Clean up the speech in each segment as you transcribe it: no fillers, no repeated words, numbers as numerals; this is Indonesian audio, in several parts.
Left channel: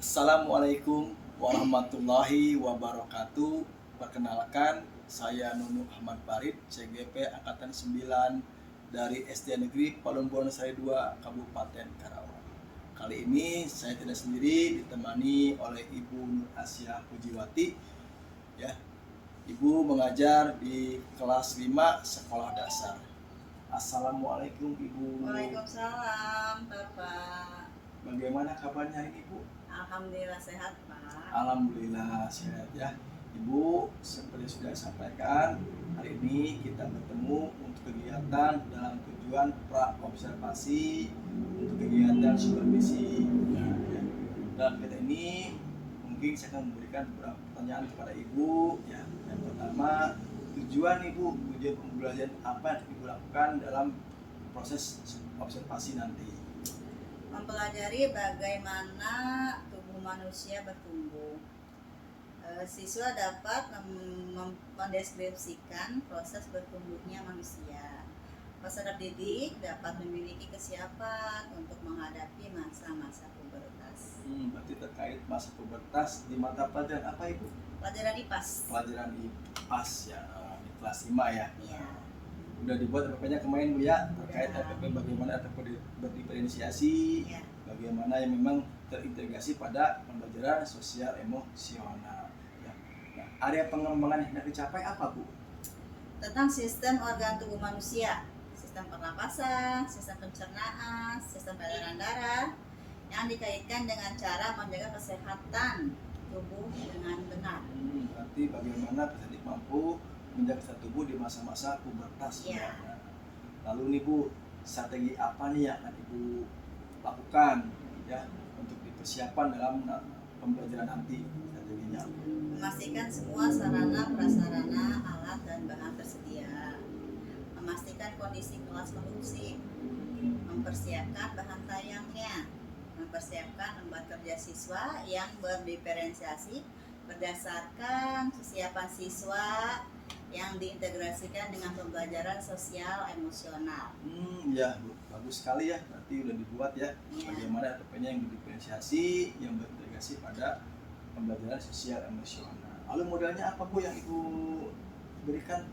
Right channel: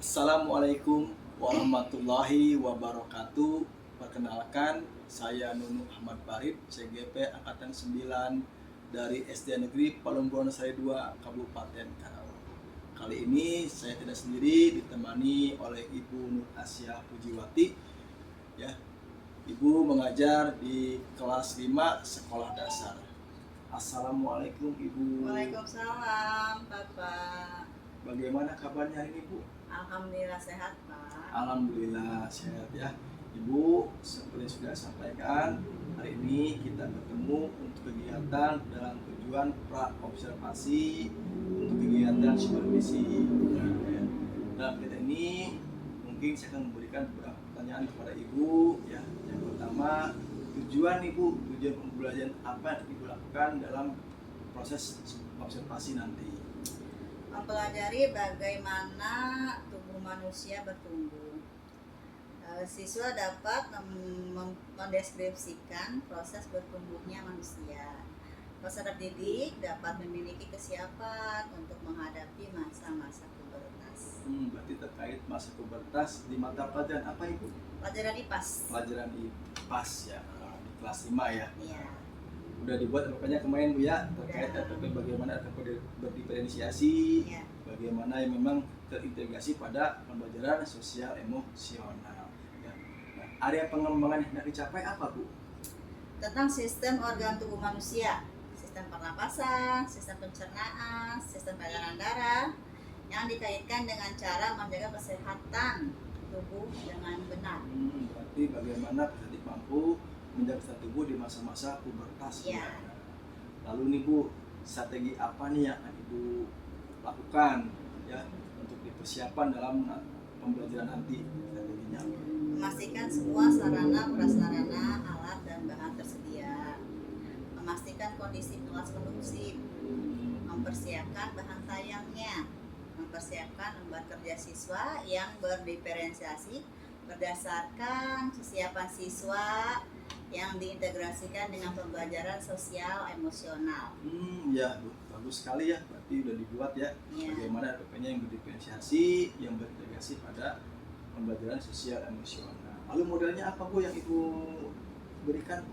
Assalamualaikum warahmatullahi wabarakatuh. Perkenalkan, saya Nunu Ahmad Farid, CGP Angkatan 9 dari SD Negeri Palung Bonosari 2, Kabupaten Karawang. Kali ini saya tidak sendiri, ditemani oleh Ibu Nur Asia Pujiwati. Ya, Ibu mengajar di kelas 5 sekolah dasar. Assalamualaikum Ibu. Waalaikumsalam, Bapak. Bagaimana kabarnya hari ini, Bu? Alhamdulillah sehat, Pak. Alhamdulillah sehat ya. Ibu, seperti sudah sampaikan, hari ini kita bertemu untuk kegiatan dalam tujuan pra-observasi untuk kegiatan supervisi. Ya. Dalam kegiatan ini mungkin saya akan memberikan beberapa pertanyaan kepada Ibu. Ya. Yang pertama, tujuan pembelajaran apa yang Ibu lakukan dalam proses observasi nanti? Mempelajari bagaimana tubuh manusia bertumbuh. Siswa dapat mendeskripsikan proses bertumbuhnya manusia. Peserta didik dapat memiliki kesiapan untuk menghadapi masa-masa pubertas. Berarti terkait masa pubertas di mata pelajaran apa Ibu? Pelajaran IPAS. Pelajaran IPAS ya, di kelas 5 ya. Iya. Udah dibuat RPP-nya kemarin Bu ya, terkait RPP bagaimana RPP berdiferensiasi, Iya. bagaimana yang memang terintegrasi pada pembelajaran sosial emosional. Ya. Nah, area pengembangan yang dicapai apa Bu? Tentang sistem organ tubuh manusia, sistem pernapasan, sistem pencernaan, sistem peredaran darah, yang dikaitkan dengan cara menjaga kesehatan tubuh dengan benar. Berarti bagaimana peserta mampu menjaga kesehatan tubuh di masa-masa pubertas. Ya. Lalu nih Bu, strategi apa nih yang akan Ibu lakukan ya untuk dipersiapkan dalam pembelajaran nanti? Strateginya apa? Memastikan semua sarana prasarana alat dan bahan tersedia, memastikan kondisi kelas kondusif, mempersiapkan bahan tayangnya, mempersiapkan lembar kerja siswa yang berdiferensiasi berdasarkan kesiapan siswa yang diintegrasikan dengan pembelajaran sosial emosional. Ya Bu, bagus sekali ya, berarti udah dibuat ya, bagaimana RPP-nya yang berdifferensiasi, yang berintegrasi pada pembelajaran sosial emosional. Lalu modelnya apa Bu yang Ibu berikan?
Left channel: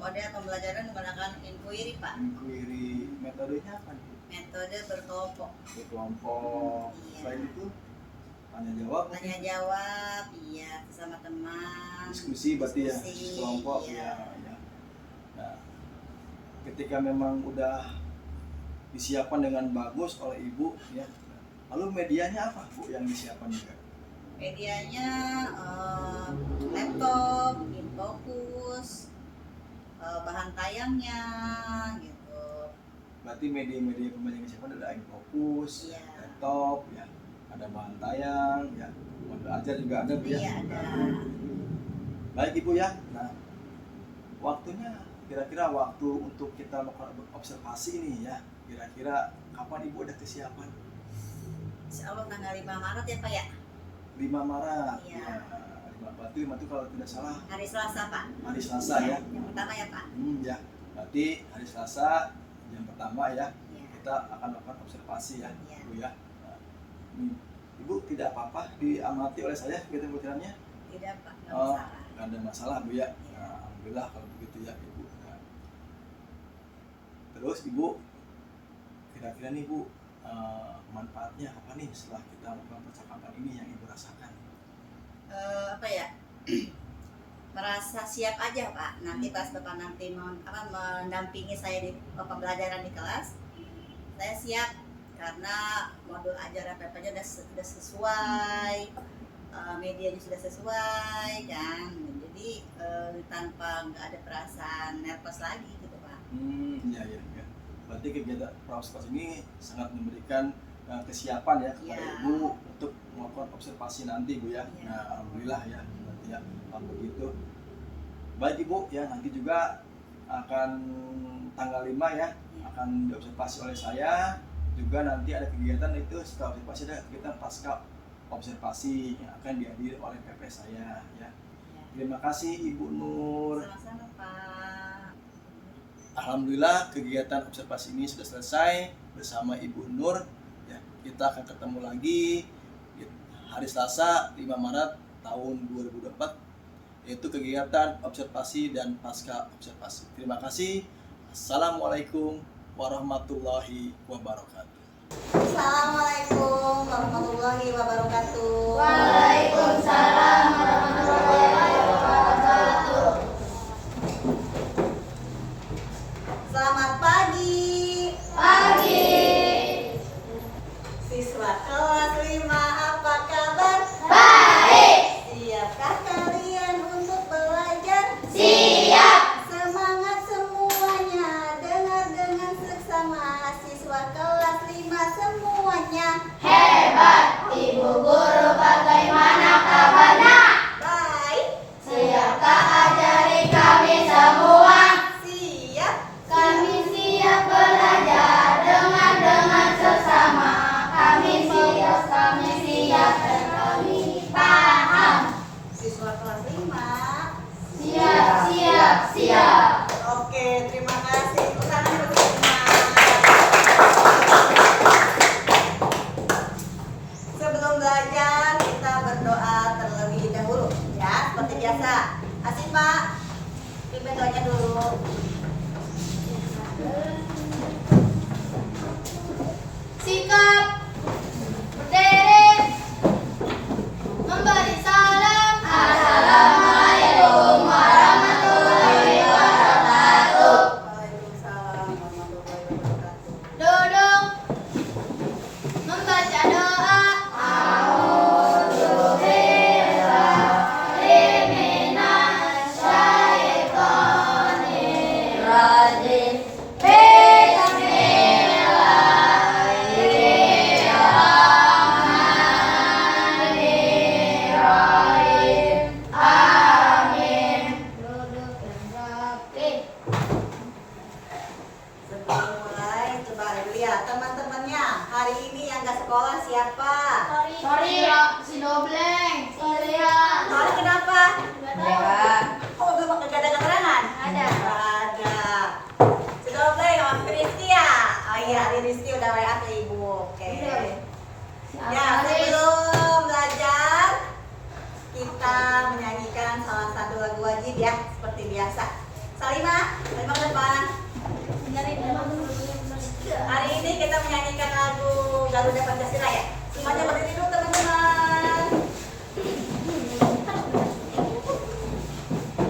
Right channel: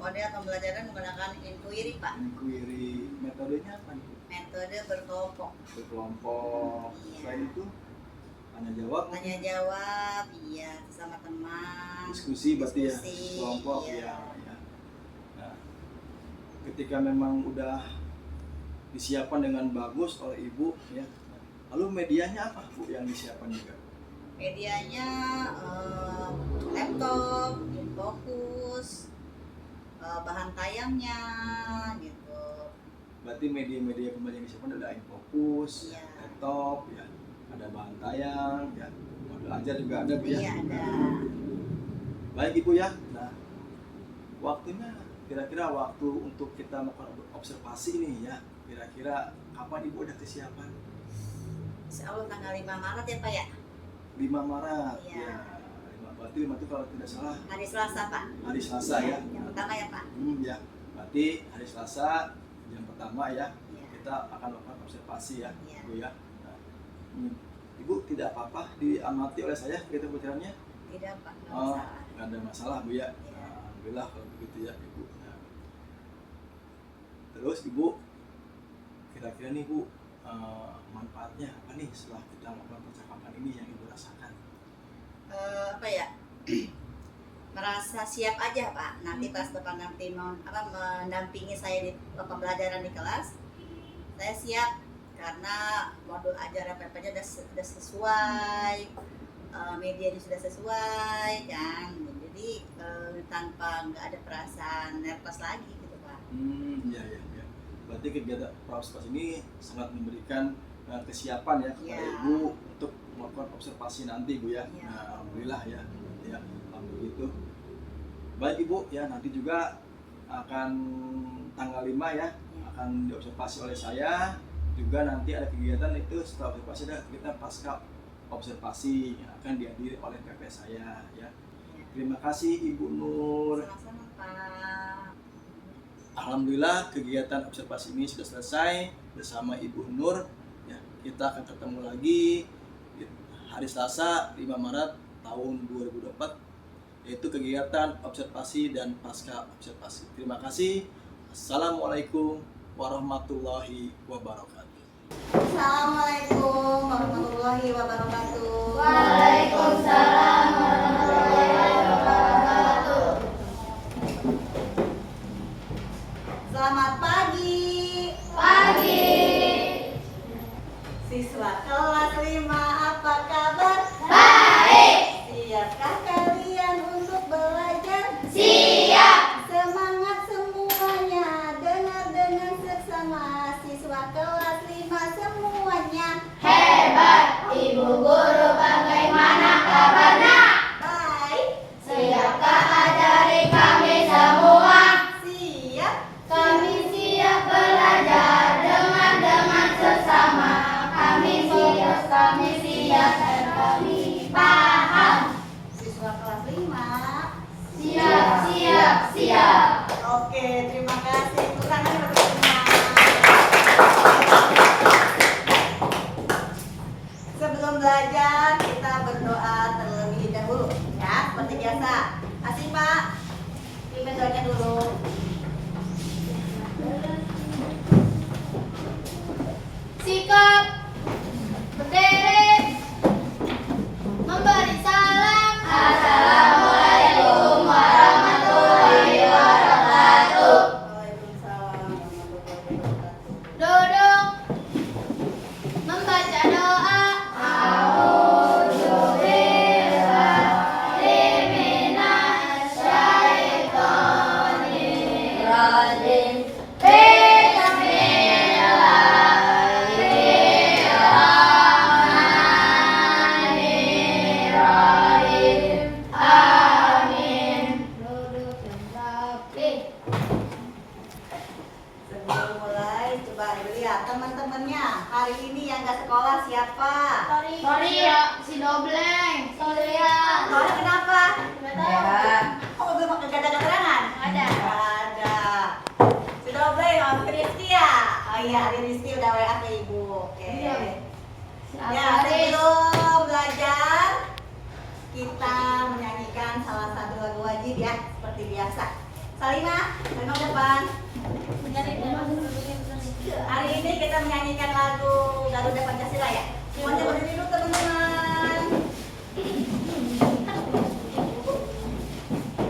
Model pembelajaran menggunakan inquiry, Pak. Inquiry, metodenya apa nih? Metode berkelompok. Berkelompok. Iya. Selain itu tanya jawab. Tanya jawab, iya, sama teman. Diskusi berarti ya, kelompok iya. ya. Nah, ketika memang udah disiapkan dengan bagus oleh Ibu ya. Lalu medianya apa Bu yang disiapkan juga? Medianya laptop, infocus, bahan tayangnya gitu. Berarti media-media pembelajaran disiapkan ada infocus, Iya. laptop ya, ada bahan tayang ya, modul ajar juga ada Bu ya. Iya, ada. Baik Ibu ya. Nah, waktunya kira-kira waktu untuk kita melakukan observasi ini ya, kira-kira kapan Ibu ada kesiapan? Insya Allah tanggal 5 Maret ya Pak ya? 5 Maret. Iya. Ya, 5 berarti 5 itu kalau tidak salah Hari Selasa Pak. hari Selasa ya. Yang pertama ya Pak. Ya, berarti hari Selasa yang pertama ya, Iya. kita akan melakukan observasi ya, Iya. Bu ya. Nah, Ibu tidak apa-apa diamati oleh saya kegiatan pembelajarannya? Tidak Pak, nggak masalah. Nggak ada masalah Bu ya. Iya. Nah, alhamdulillah kalau begitu ya Ibu. Nah, terus Ibu, kira-kira nih Bu, manfaatnya apa nih setelah kita melakukan percakapan ini yang Ibu rasakan? Apa ya? Merasa siap aja Pak. Nanti pas Bapak nanti mendampingi saya di pembelajaran di kelas, saya siap karena modul ajar RPP-nya sudah sesuai, medianya sudah sesuai kan. Jadi tanpa nggak ada perasaan nervous lagi gitu Pak. Iya. Berarti kegiatan pra-observasi ini sangat memberikan kesiapan ya kepada Ibu untuk melakukan observasi nanti Bu ya. Nah, alhamdulillah ya, berarti ya kalau begitu. Baik Ibu ya, nanti juga akan tanggal 5 ya, akan diobservasi oleh saya. Juga nanti ada kegiatan itu setelah observasi ada kegiatan pasca observasi yang akan dihadiri oleh PP saya ya. Terima kasih Ibu Nur. Sama-sama Pak. Alhamdulillah kegiatan observasi ini sudah selesai bersama Ibu Nur. Ya, kita akan ketemu lagi di hari Selasa 5 Maret tahun 2024, yaitu kegiatan observasi dan pasca observasi. Terima kasih. Assalamualaikum warahmatullahi wabarakatuh. Assalamualaikum warahmatullahi wabarakatuh. Waalaikumsalam warahmatullahi wabarakatuh. Selamat pagi. Pagi. Siswa kelas 5 apa kabar? Baik. Siapkah kalian untuk belajar? Siap. Semangat semuanya. Dengar dengan seksama. Siswa kelas 5 semuanya. Hebat. Ibu guru bagaimana kabarnya? Baik. Siapkah ajari kami semua? Siap. Kami siap belajar dengan sesama. Kami siap dan kami paham. Siswa kelas 5. Siap. Oke, terima kasih. Tepuk tangan untuk Rima. Sebelum belajar, kita berdoa terlebih dahulu, ya, seperti biasa. Asih Pak, pimpin doanya dulu. Sikap berdiri, memberi salam. Assalamualaikum warahmatullahi wabarakatuh. Waalaikumsalam warahmatullahi wabarakatuh. Duduk, membaca doa. A'udzubillahi Bismillahirrahmanirrahim. Amin. Duduk dan rapi. Sebelum mulai, coba lihat teman-temannya. Hari ini yang nggak sekolah siapa? Sorry, si Dobleng. Sorry ya. Hari kenapa? Nggak tahu. Oh, belum pakai gak ada keterangan? Ada. Ada. Sudah boleh, Om Rizky ya? Oh iya, Rizky udah WA ke ibu. Oke. Ya, sebelum belajar, kita menyanyikan salah satu lagu wajib ya, seperti biasa. Salimah ke depan. Hari ini kita menyanyikan lagu Garuda Pancasila ya. Semuanya berdiri dulu teman-teman.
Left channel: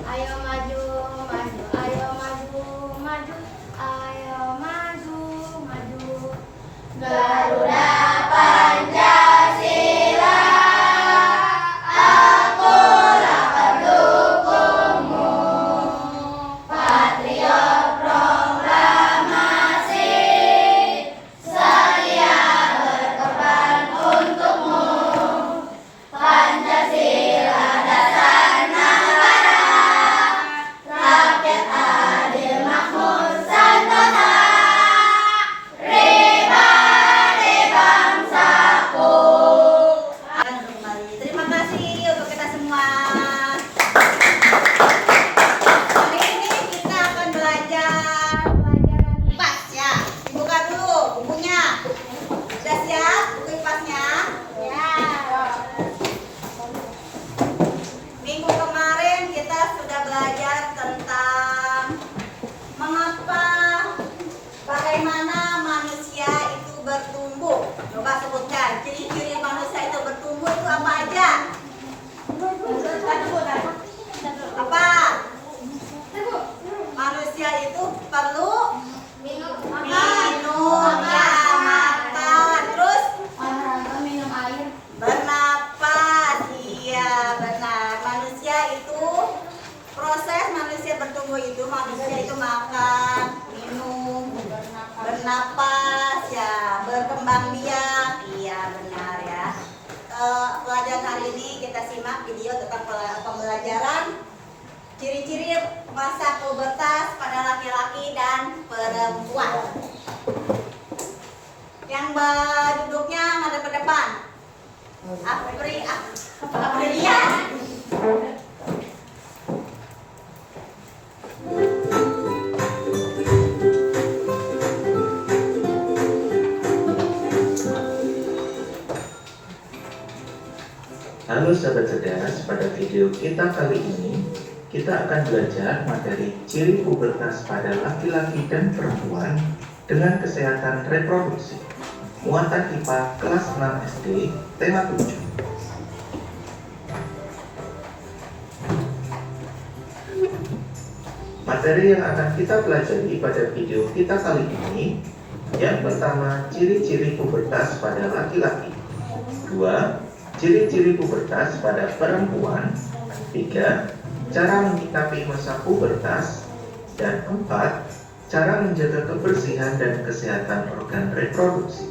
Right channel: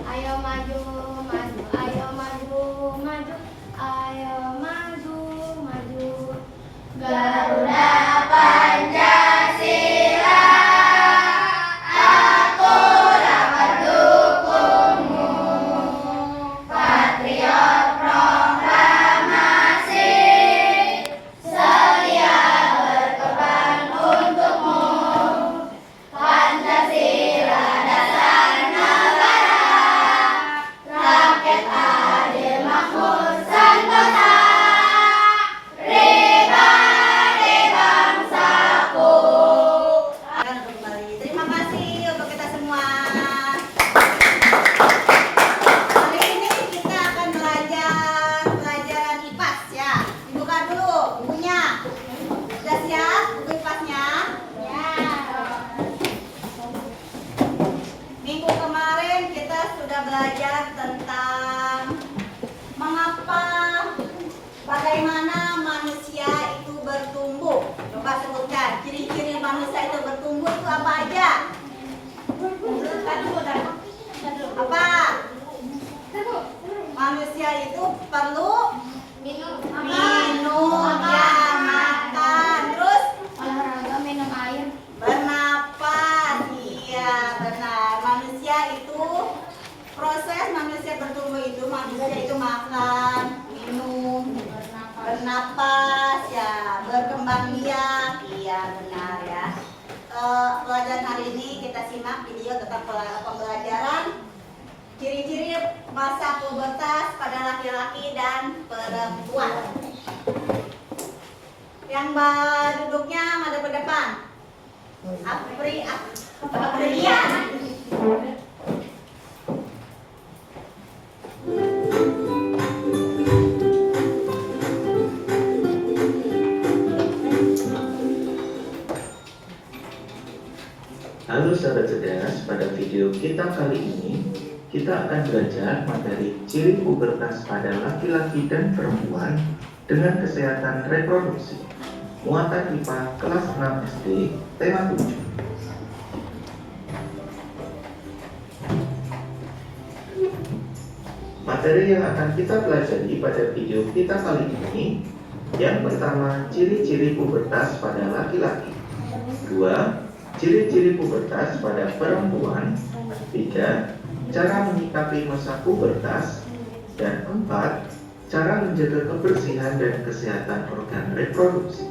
Ayo maju, maju, ayo maju, maju, ayo maju, maju. Garuda Pancasila, akulah pendukungmu. Patriot proklamasi, sedia berkorban untukmu. Pancasila dasar negara, rakyat adil makmur sentosa, pribadi bangsaku. Akan kembali. Terima kasih untuk kita semua. Hari ini kita akan belajar pelajaran IPAS ya. Dibuka dulu bukunya. Sudah siap buku IPAS-nya? Ya. Minggu kemarin kita sudah belajar tentang mengapa, bagaimana manusia itu bertumbuh. Coba sebutkan ciri-ciri manusia itu bertumbuh itu apa aja? Apa? Manusia itu perlu minum ya, makan, terus Olahraga, minum air. bernapas. Iya benar. Manusia itu proses manusia bertumbuh itu manusia itu makan, minum, bernapas ya, berkembang biak. Iya benar ya. Pelajaran hari ini kita simak video tentang pembelajaran ciri-ciri masa pubertas pada laki-laki dan perempuan. Yang duduknya madep ke depan. Aprilian. Halo sahabat cerdas, pada video kita kali ini kita akan belajar materi ciri pubertas pada laki-laki dan perempuan dengan kesehatan reproduksi. Muatan IPA kelas 6 SD, tema 7. Materi yang akan kita pelajari pada video kita kali ini, yang pertama, ciri-ciri pubertas pada laki-laki. 2. Ciri-ciri pubertas pada perempuan. 3. Cara menyikapi masa pubertas. Dan 4. Cara menjaga kebersihan dan kesehatan organ reproduksi.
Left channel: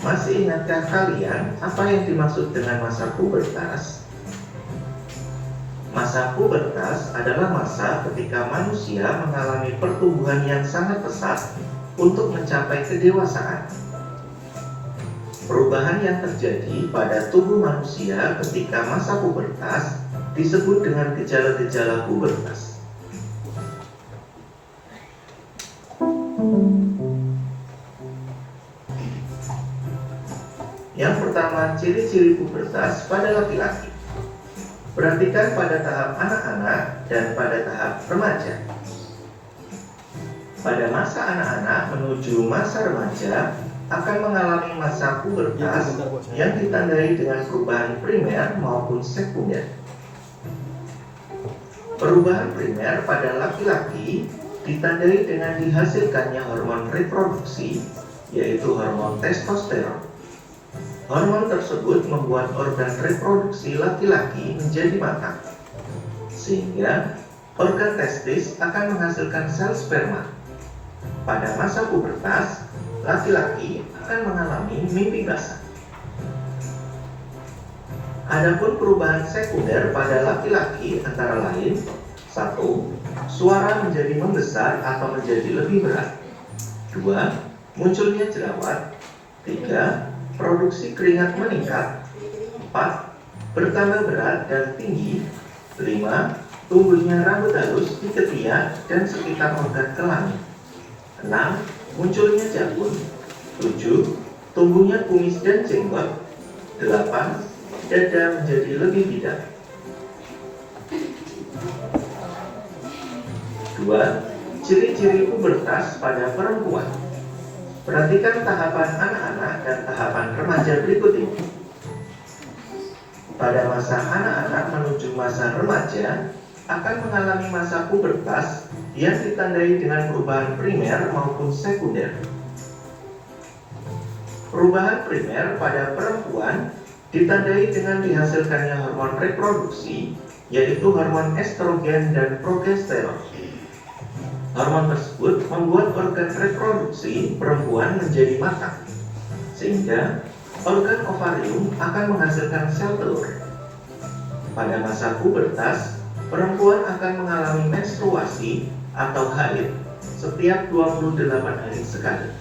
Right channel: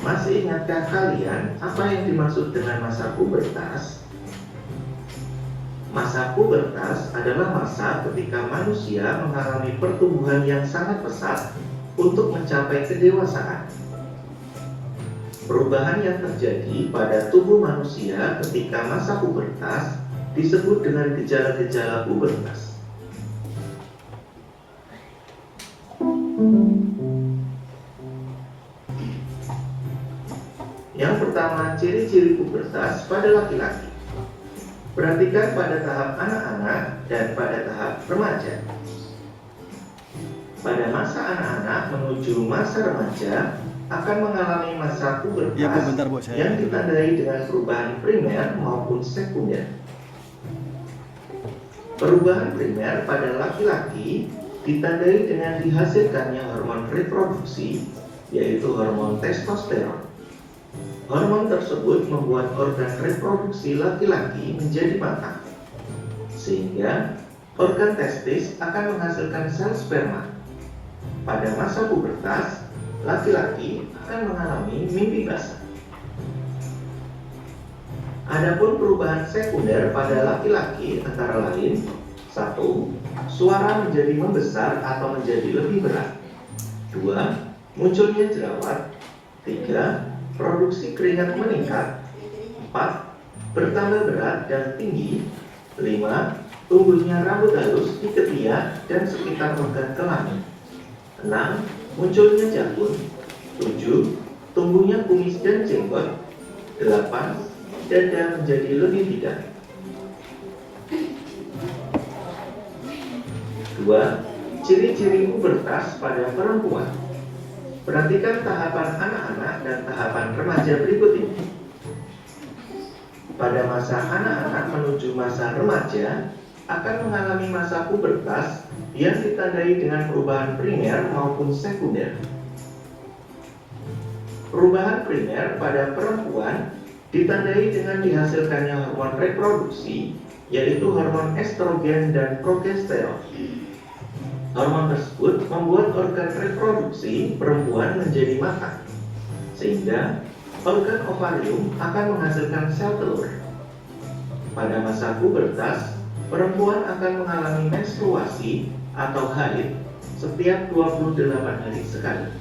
Masih ingatkah kalian apa yang dimaksud dengan masa pubertas? Masa pubertas adalah masa ketika manusia mengalami pertumbuhan yang sangat pesat untuk mencapai kedewasaan. Perubahan yang terjadi pada tubuh manusia ketika masa pubertas disebut dengan gejala-gejala pubertas. Yang pertama, ciri-ciri pubertas pada laki-laki. Perhatikan pada tahap anak-anak dan pada tahap remaja. Pada masa anak-anak menuju masa remaja akan mengalami masa pubertas yang ditandai dengan perubahan primer maupun sekunder. Perubahan primer pada laki-laki ditandai dengan dihasilkannya hormon reproduksi, yaitu hormon testosteron. Hormon tersebut membuat organ reproduksi laki-laki menjadi matang, sehingga organ testis akan menghasilkan sel sperma. Pada masa pubertas, laki-laki akan mengalami mimpi basah. Adapun perubahan sekunder pada laki-laki antara lain: 1. Suara menjadi membesar atau menjadi lebih berat. 2. Munculnya jerawat. 3. Produksi keringat meningkat. 4. Bertambah berat dan tinggi. 5. Tumbuhnya rambut halus di ketiak dan sekitar organ kelamin. 6. Munculnya janggut. 7. Tumbuhnya kumis dan jenggot. 8. Dada menjadi lebih bidang. 2. Ciri-ciri pubertas pada perempuan. Perhatikan tahapan anak-anak dan tahapan remaja berikut ini. Pada masa anak-anak menuju masa remaja akan mengalami masa pubertas yang ditandai dengan perubahan primer maupun sekunder. Perubahan primer pada perempuan ditandai dengan dihasilkannya hormon reproduksi, yaitu hormon estrogen dan progesteron. Hormon tersebut membuat organ reproduksi perempuan menjadi matang, sehingga organ ovarium akan menghasilkan sel telur. Pada masa pubertas, perempuan akan mengalami menstruasi atau haid setiap 28 hari sekali.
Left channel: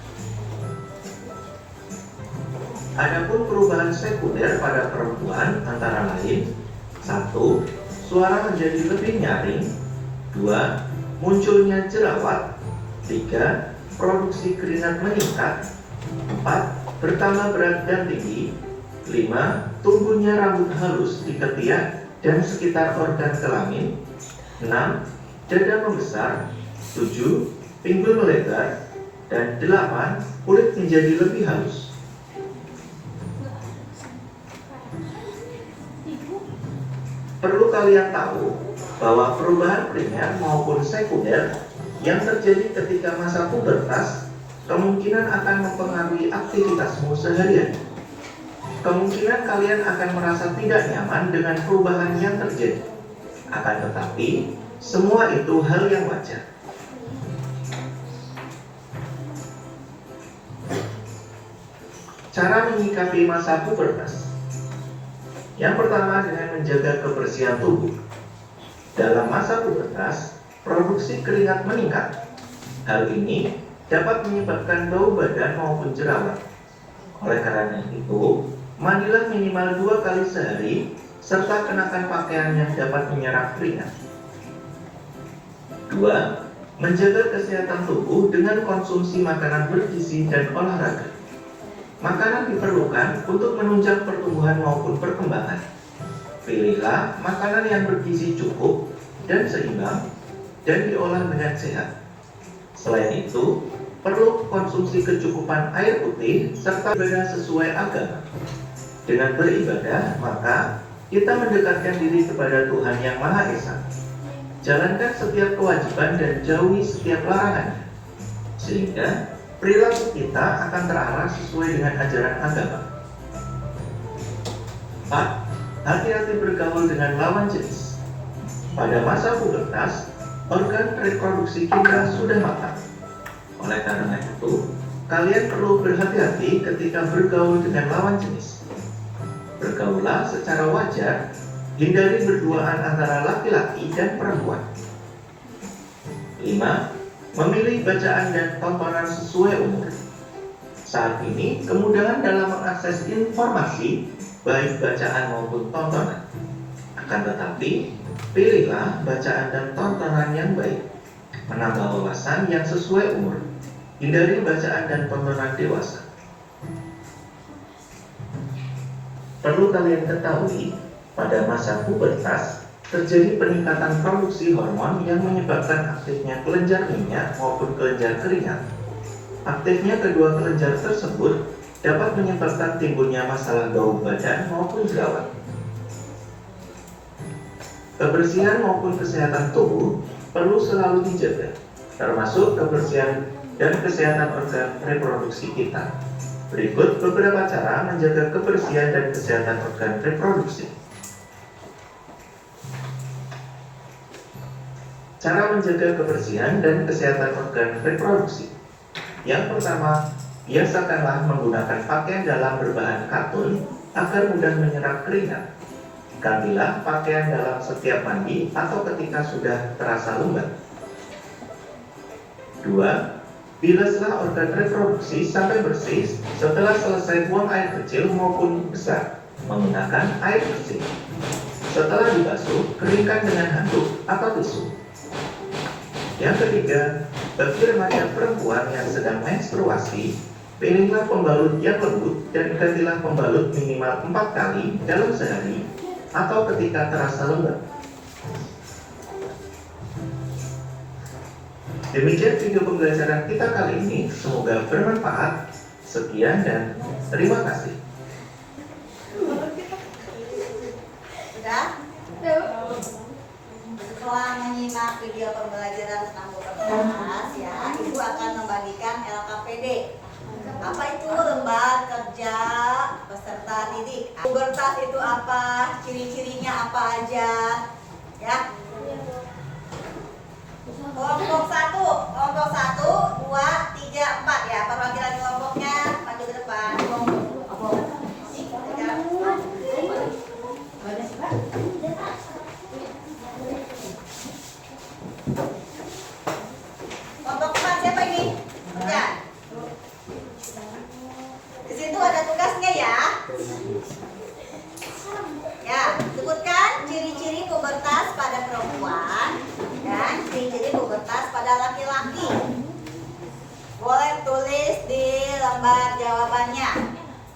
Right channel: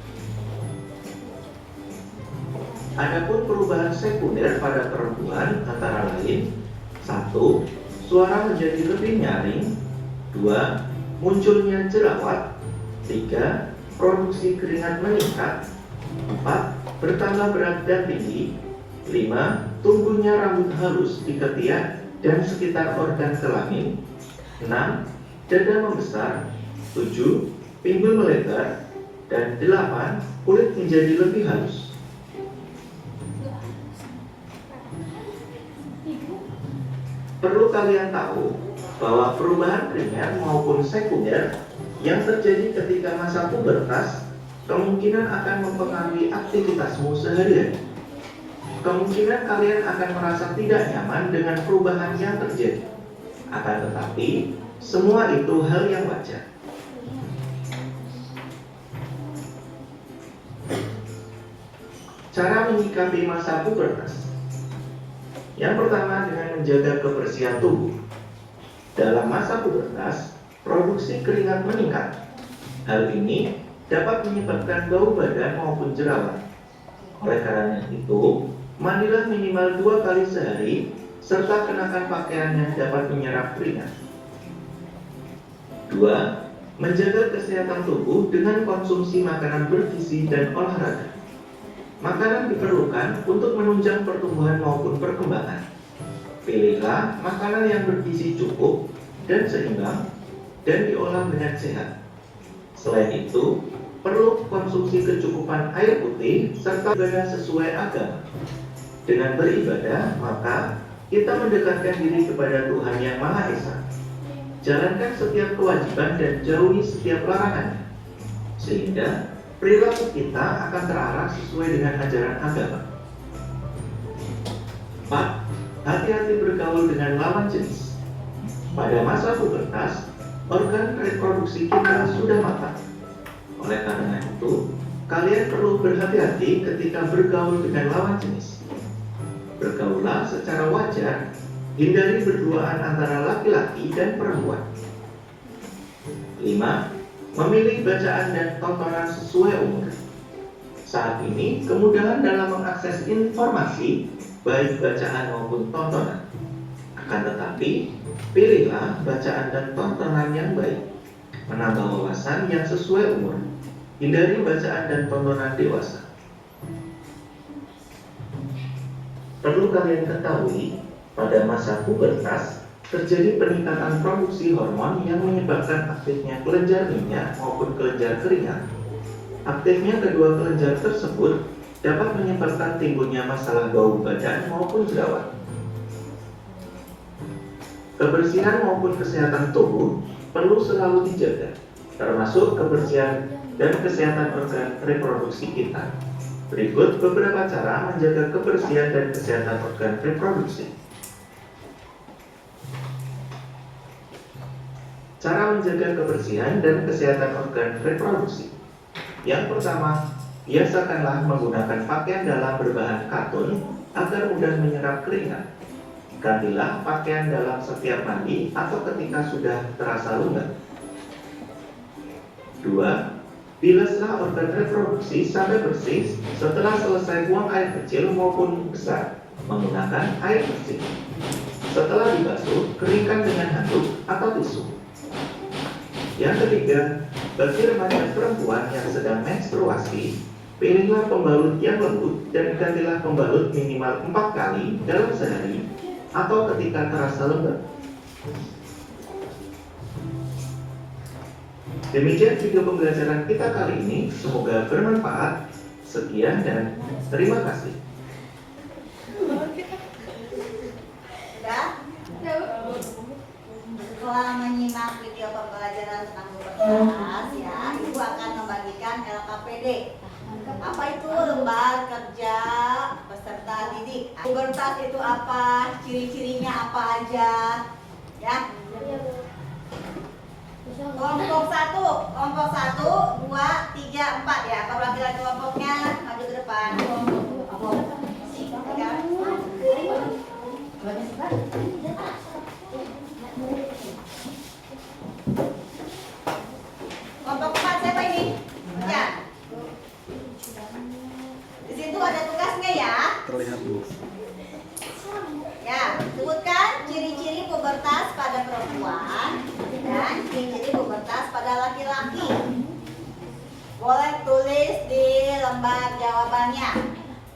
Adapun perubahan sekunder pada perempuan antara lain: 1. Suara menjadi lebih nyaring. 2. Munculnya jerawat. 3. Produksi keringat meningkat. 4. Bertambah berat dan tinggi. 5. Tumbuhnya rambut halus di ketiak dan sekitar organ kelamin. 6. Dada membesar. 7. Pinggul melebar. Dan 8. Kulit menjadi lebih halus. Perlu kalian tahu bahwa perubahan primer maupun sekunder yang terjadi ketika masa pubertas kemungkinan akan mempengaruhi aktivitasmu sehari-hari. Kemungkinan kalian akan merasa tidak nyaman dengan perubahan yang terjadi. Akan tetapi, semua itu hal yang wajar. Cara menyikapi masa pubertas. Yang pertama, dengan menjaga kebersihan tubuh. Dalam masa pubertas, produksi keringat meningkat. Hal ini dapat menyebabkan bau badan maupun jerawat. Oleh karena itu, mandilah minimal 2 kali sehari, serta kenakan pakaian yang dapat menyerap keringat. 2. menjaga kesehatan tubuh dengan konsumsi makanan bergizi dan olahraga. Makanan diperlukan untuk menunjang pertumbuhan maupun perkembangan. Pilihlah makanan yang bergizi cukup dan seimbang dan diolah dengan sehat. Selain itu, perlu konsumsi kecukupan air putih serta ibadah sesuai agama. Dengan beribadah, maka kita mendekatkan diri kepada Tuhan Yang Maha Esa. Jalankan setiap kewajiban dan jauhi setiap larangannya, sehingga perilaku kita akan terarah sesuai dengan ajaran agama. 4. Hati-hati bergaul dengan lawan jenis. Pada masa pubertas, organ reproduksi kita sudah matang. Oleh karena itu, kalian perlu berhati-hati ketika bergaul dengan lawan jenis. Bergaullah secara wajar, hindari berduaan antara laki-laki dan perempuan. 5. Memilih bacaan dan tontonan sesuai umur. Saat ini, kemudahan dalam mengakses informasi, baik bacaan maupun tontonan. Akan tetapi, pilihlah bacaan dan tontonan yang baik, menambah wawasan yang sesuai umur. Hindari bacaan dan tontonan dewasa. Perlu kalian ketahui, pada masa pubertas terjadi peningkatan produksi hormon yang menyebabkan aktifnya kelenjar minyak maupun kelenjar keringat. Aktifnya kedua kelenjar tersebut dapat menyebabkan timbulnya masalah bau badan maupun jerawat. Kebersihan maupun kesehatan tubuh perlu selalu dijaga, termasuk kebersihan dan kesehatan organ reproduksi kita. Berikut beberapa cara menjaga kebersihan dan kesehatan organ reproduksi. Cara menjaga kebersihan dan kesehatan organ reproduksi. Yang pertama, biasakanlah menggunakan pakaian dalam berbahan katun agar mudah menyerap keringat. Gantilah pakaian dalam setiap mandi atau ketika sudah terasa lembab. 2. Bilaslah organ reproduksi sampai bersih setelah selesai buang air kecil maupun besar menggunakan air bersih. Setelah dibasuh, keringkan dengan handuk atau tisu. Yang ketiga, bagi remaja perempuan yang sedang menstruasi, pilihlah pembalut yang lembut dan gantilah pembalut minimal 4 kali dalam sehari atau ketika terasa lembab. Demikian video pembelajaran kita kali ini, semoga bermanfaat. Sekian dan terima kasih. Sudah? Setelah menyimak video pembelajaran tentang pubertas, ya, Ibu akan membagikan LKPD. Apa itu lembar kerja peserta didik? Pubertas itu apa? Ciri-cirinya apa aja? Ya. Kelompok 1, 2, 3, 4 ya. Perwakilan kelompoknya maju ke depan. Kelompok 4 siapa ini? Ya. Di situ ada tugasnya ya. Ya, sebutkan ciri-ciri pubertas pada perempuan dan ciri-ciri pubertas pada laki-laki. Boleh tulis di lembar jawabannya.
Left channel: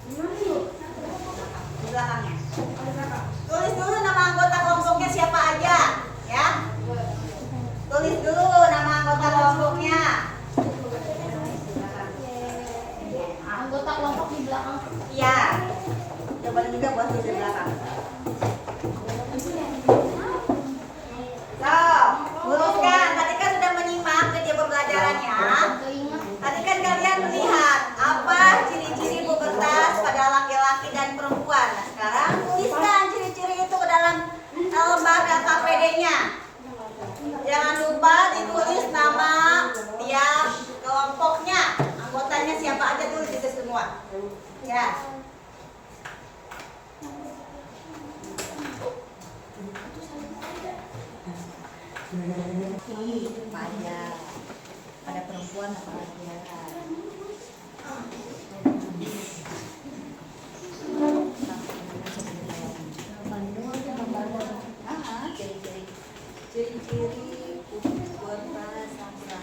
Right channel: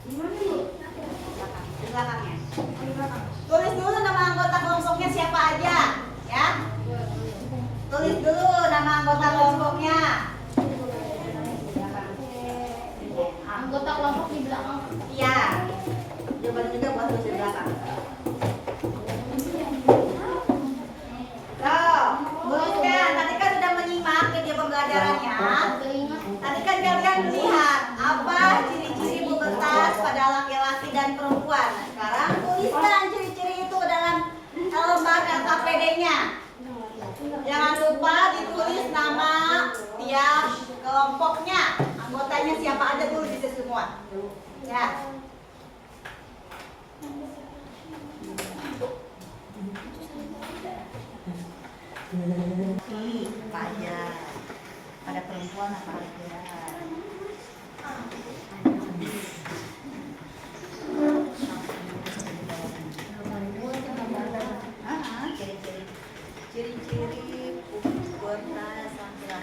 Di belakangnya. Tulis dulu nama anggota kelompoknya siapa aja, ya. Tulis dulu nama anggota kelompoknya. Anggota kelompok di belakang. Iya. Jawaban juga buat tulis di belakang. Luruskan. Tadi kan sudah menyimak video pembelajarannya. Tadi kan kalian melihat apa ciri-ciri pubertas pada laki-laki dan perempuan. Nah, sekarang tuliskan ciri-ciri itu ke dalam lembar LKPD-nya. Jangan lupa ditulis nama tiap kelompoknya. Anggotanya siapa aja dulu itu semua. Ya. Pajak pada perempuan apa laki-laki? Ciri-ciri pubertas laki-laki.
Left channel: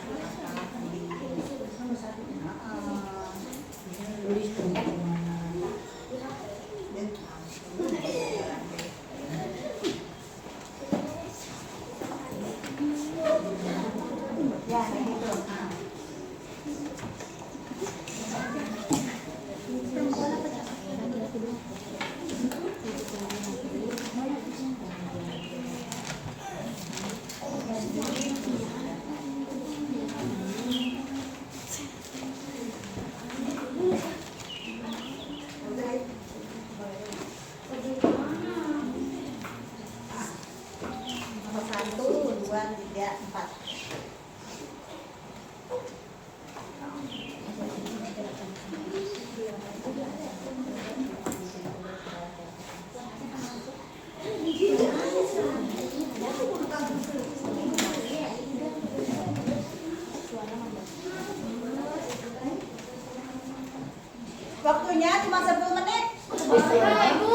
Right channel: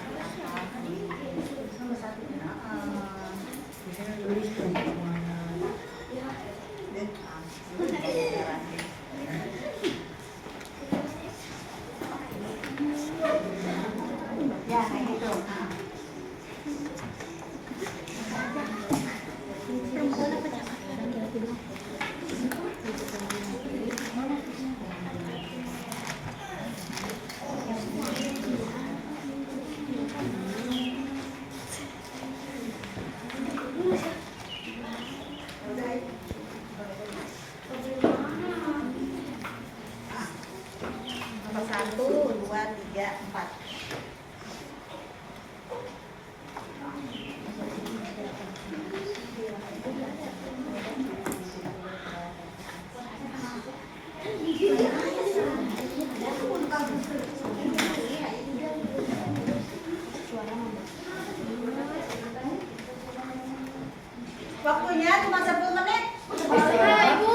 Waktunya cuma 10 menit. Ibu.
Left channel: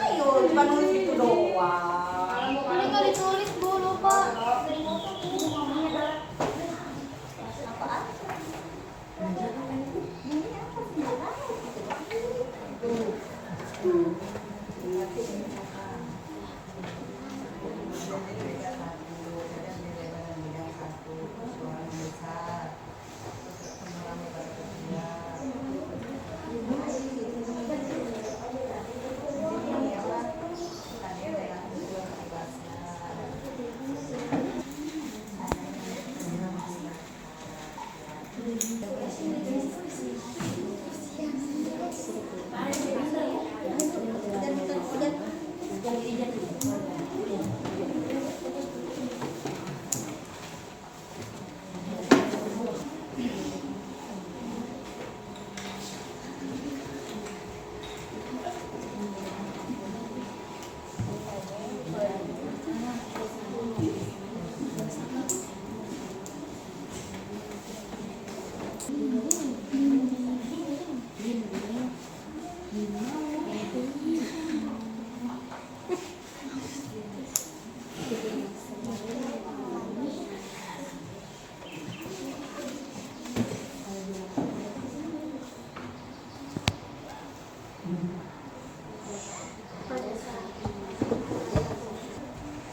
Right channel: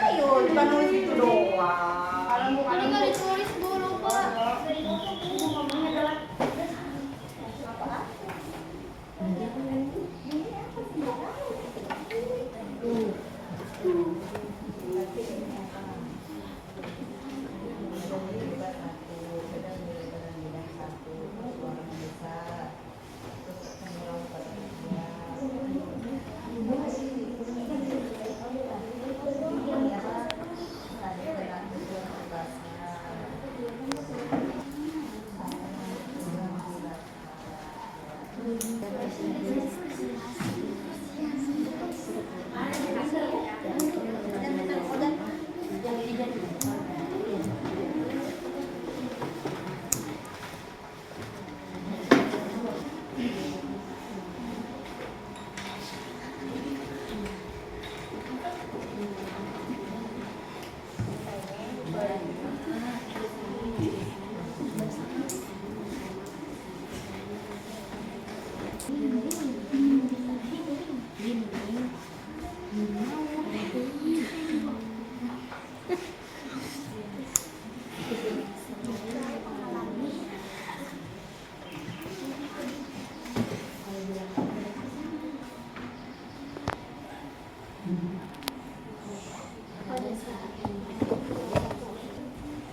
Ayo, cuma nulis itu doang. Kalau nggak ditulis Bu lupa. Apaan?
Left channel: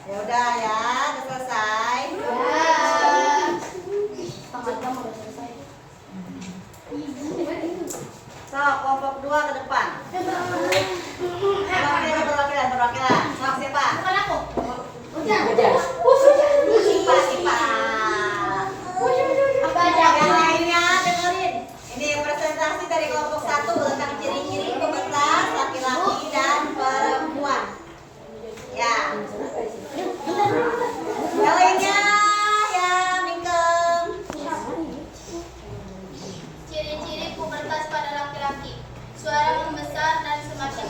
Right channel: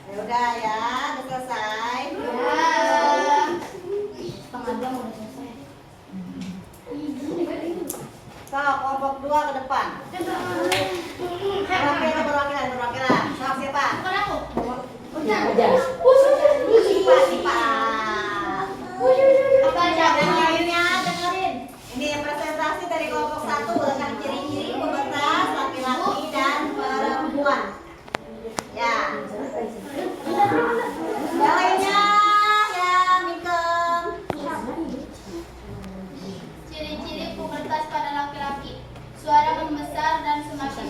Ya udah ya, udah selesai. So, kelompok 2 ke depan. Perwakilan. Sok siapa? Bukan aku. Sipa. Apa aja? Yang lainnya dengerin. Ini presentasi dari kelompok 1 tentang ciri-ciri pembatas laki-laki dan perempuan. Ya. Yang lainnya ya Mingkem. Ciri-ciri pubertas pada laki-laki. Suara membesar dan semakin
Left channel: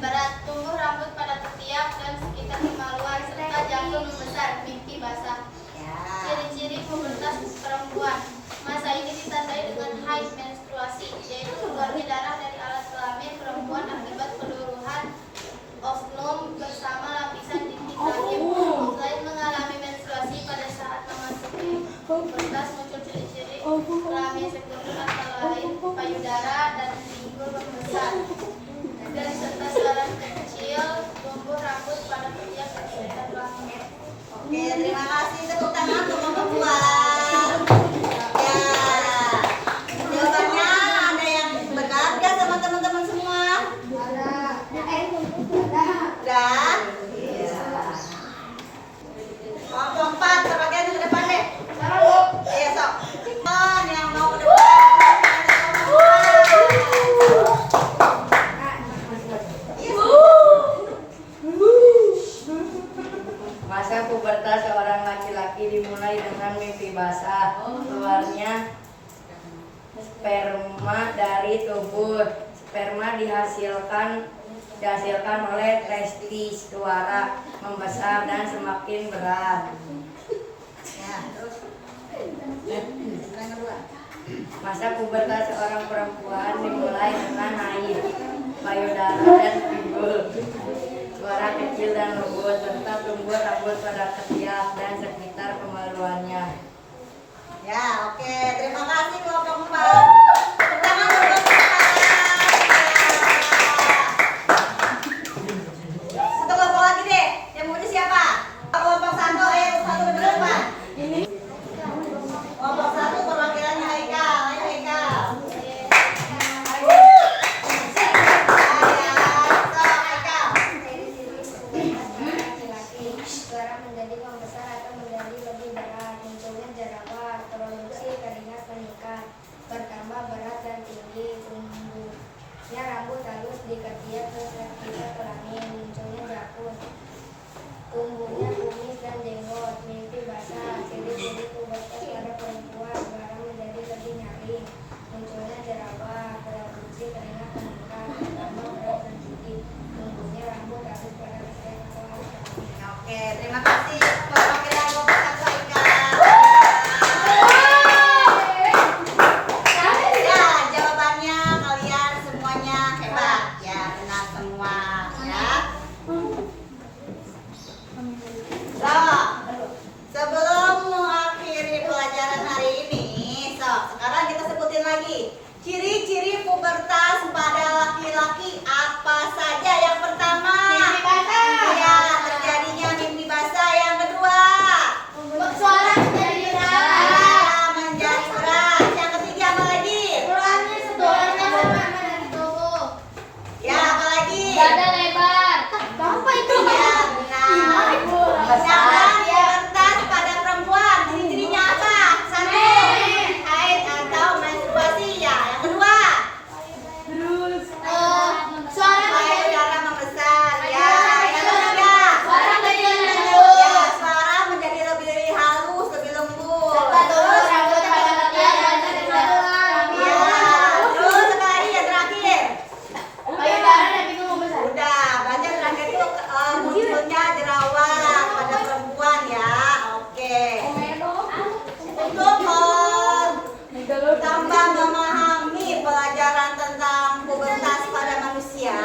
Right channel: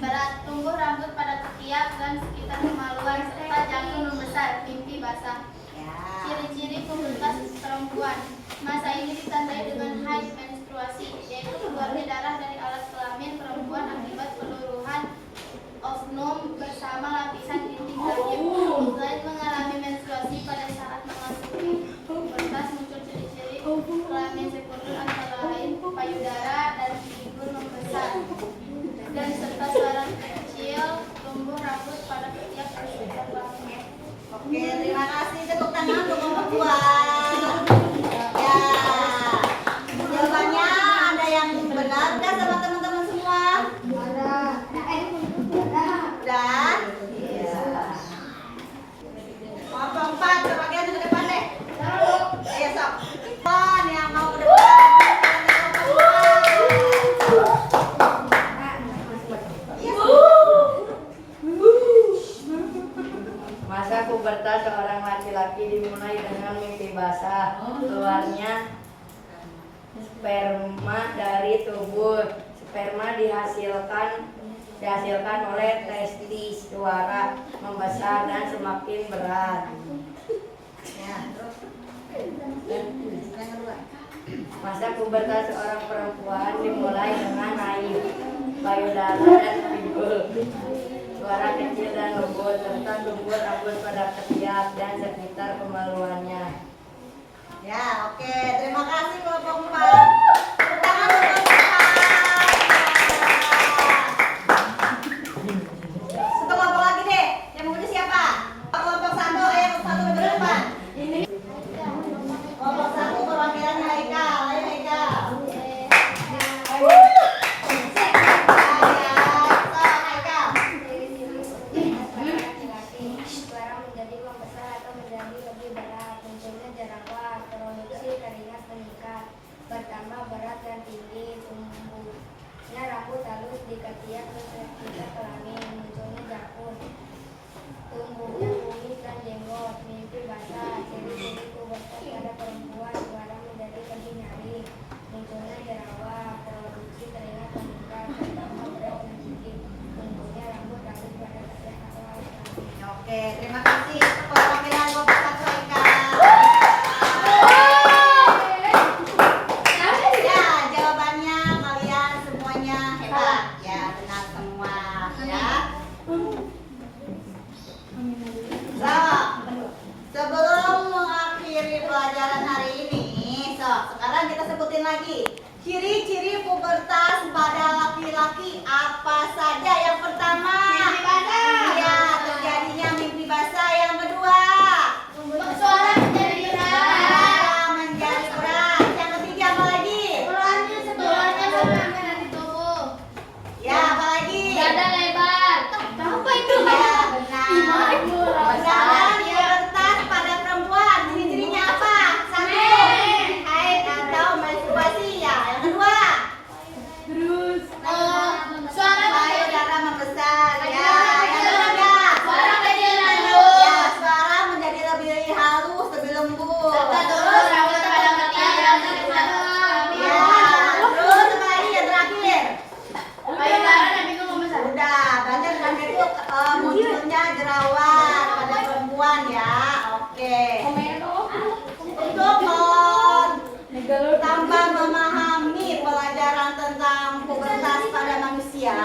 berat, tumbuh rambut pada ketiak dan sekitar kemaluan serta jantung membesar, mimpi basah. Ya. Ciri-ciri pubertas perempuan. Masa ini ditandai dengan haid menstruasi, yaitu keluarnya darah dari alat kelamin perempuan akibat peluruhan ovum bersama lapisan dinding rahim. Selain mengalami menstruasi pada saat memasuki pubertas, muncul ciri-ciri kelamin sekunder antara lain payudara dan pinggul membesar dan serta saraf kecil, tumbuh rambut pada ketiak dan sekitar bahu. Oke, terima kasih. Tepuk tangan untuk kelompok 2. Ya. Jawabannya ada yang benar nggak sama teman-teman semua? Udah? Iya. Kelompok 4, sebagian ke depan deh. Ayo sok. Yang mau ke depan. Masa pubertas seorang laki-laki dimulai dengan mimpi basah, keluarnya sperma dari tubuh. Sperma dihasilkan oleh testis, suara membesar dan semakin berat. Ya, terus. Yang kedua. Masa pubertas seorang perempuan dimulai dengan haid, payudara dan pinggul. Suara kecil dan lembut serta tumbuh rambut pada ketiak dan sekitar kemaluannya. Ya, oke. Terima kasih kelompok 4. Tepuk tangan untuk kelompok 4. Satu kelompok lagi deh. Yang mau siapa? Kelompok 1, ayo satu ke depan. Kelompok 1 perwakilannya Haikal. Ayo Haikal. Suara menjadi membesar atau menjadi lebih berat, munculnya jerawat, produksi keringat meningkat, bertambah berat dan tinggi, tumbuhnya rambut halus di ketiak ke sekitar kelamin, munculnya jakun, tumbuhnya kumis dan jenggot, mimpi basah. Ciri-ciri pubertas pada perempuan, suara menjadi lebih nyaring, munculnya jerawat, produksi keringat meningkat, bertambah berat dan tinggi, tumbuhnya rambut halus pada ketiak atau halus kelamin. Oke, terima kasih perwakilan kelompok 1 Haikal. Ya, lagi. Ciri-ciri pubertas pada laki-laki apa saja? Yang pertama, ya, terjadinya mimpi basah. Yang kedua, Suara menjadi suara menjadi keras. Yang ketiga apa lagi? Suaranya sama dengan cowok. Ya, apa lagi? Dada lebar. Apa itu? Ya, benar. Sedangkan pubertas pada perempuan, ciri-cirinya apa? Satu, haid atau menstruasi. Ya, yang kedua, Suara payudara membesar. Ya, yang ketiga, Suara kecil dan ya, lembut. suara menjadi lebih halus, lebih lembut. Serta turun Terus, rambut pada kepala dan terhilang. ya, terus apa lagi yang terakhir? Payudara dan pintu membesar. Udah, banyak terakhir itu munculnya jerawat pada perempuan ya. Oke. Untuk tambah memahami pelajaran tentang pubertas pada manusia,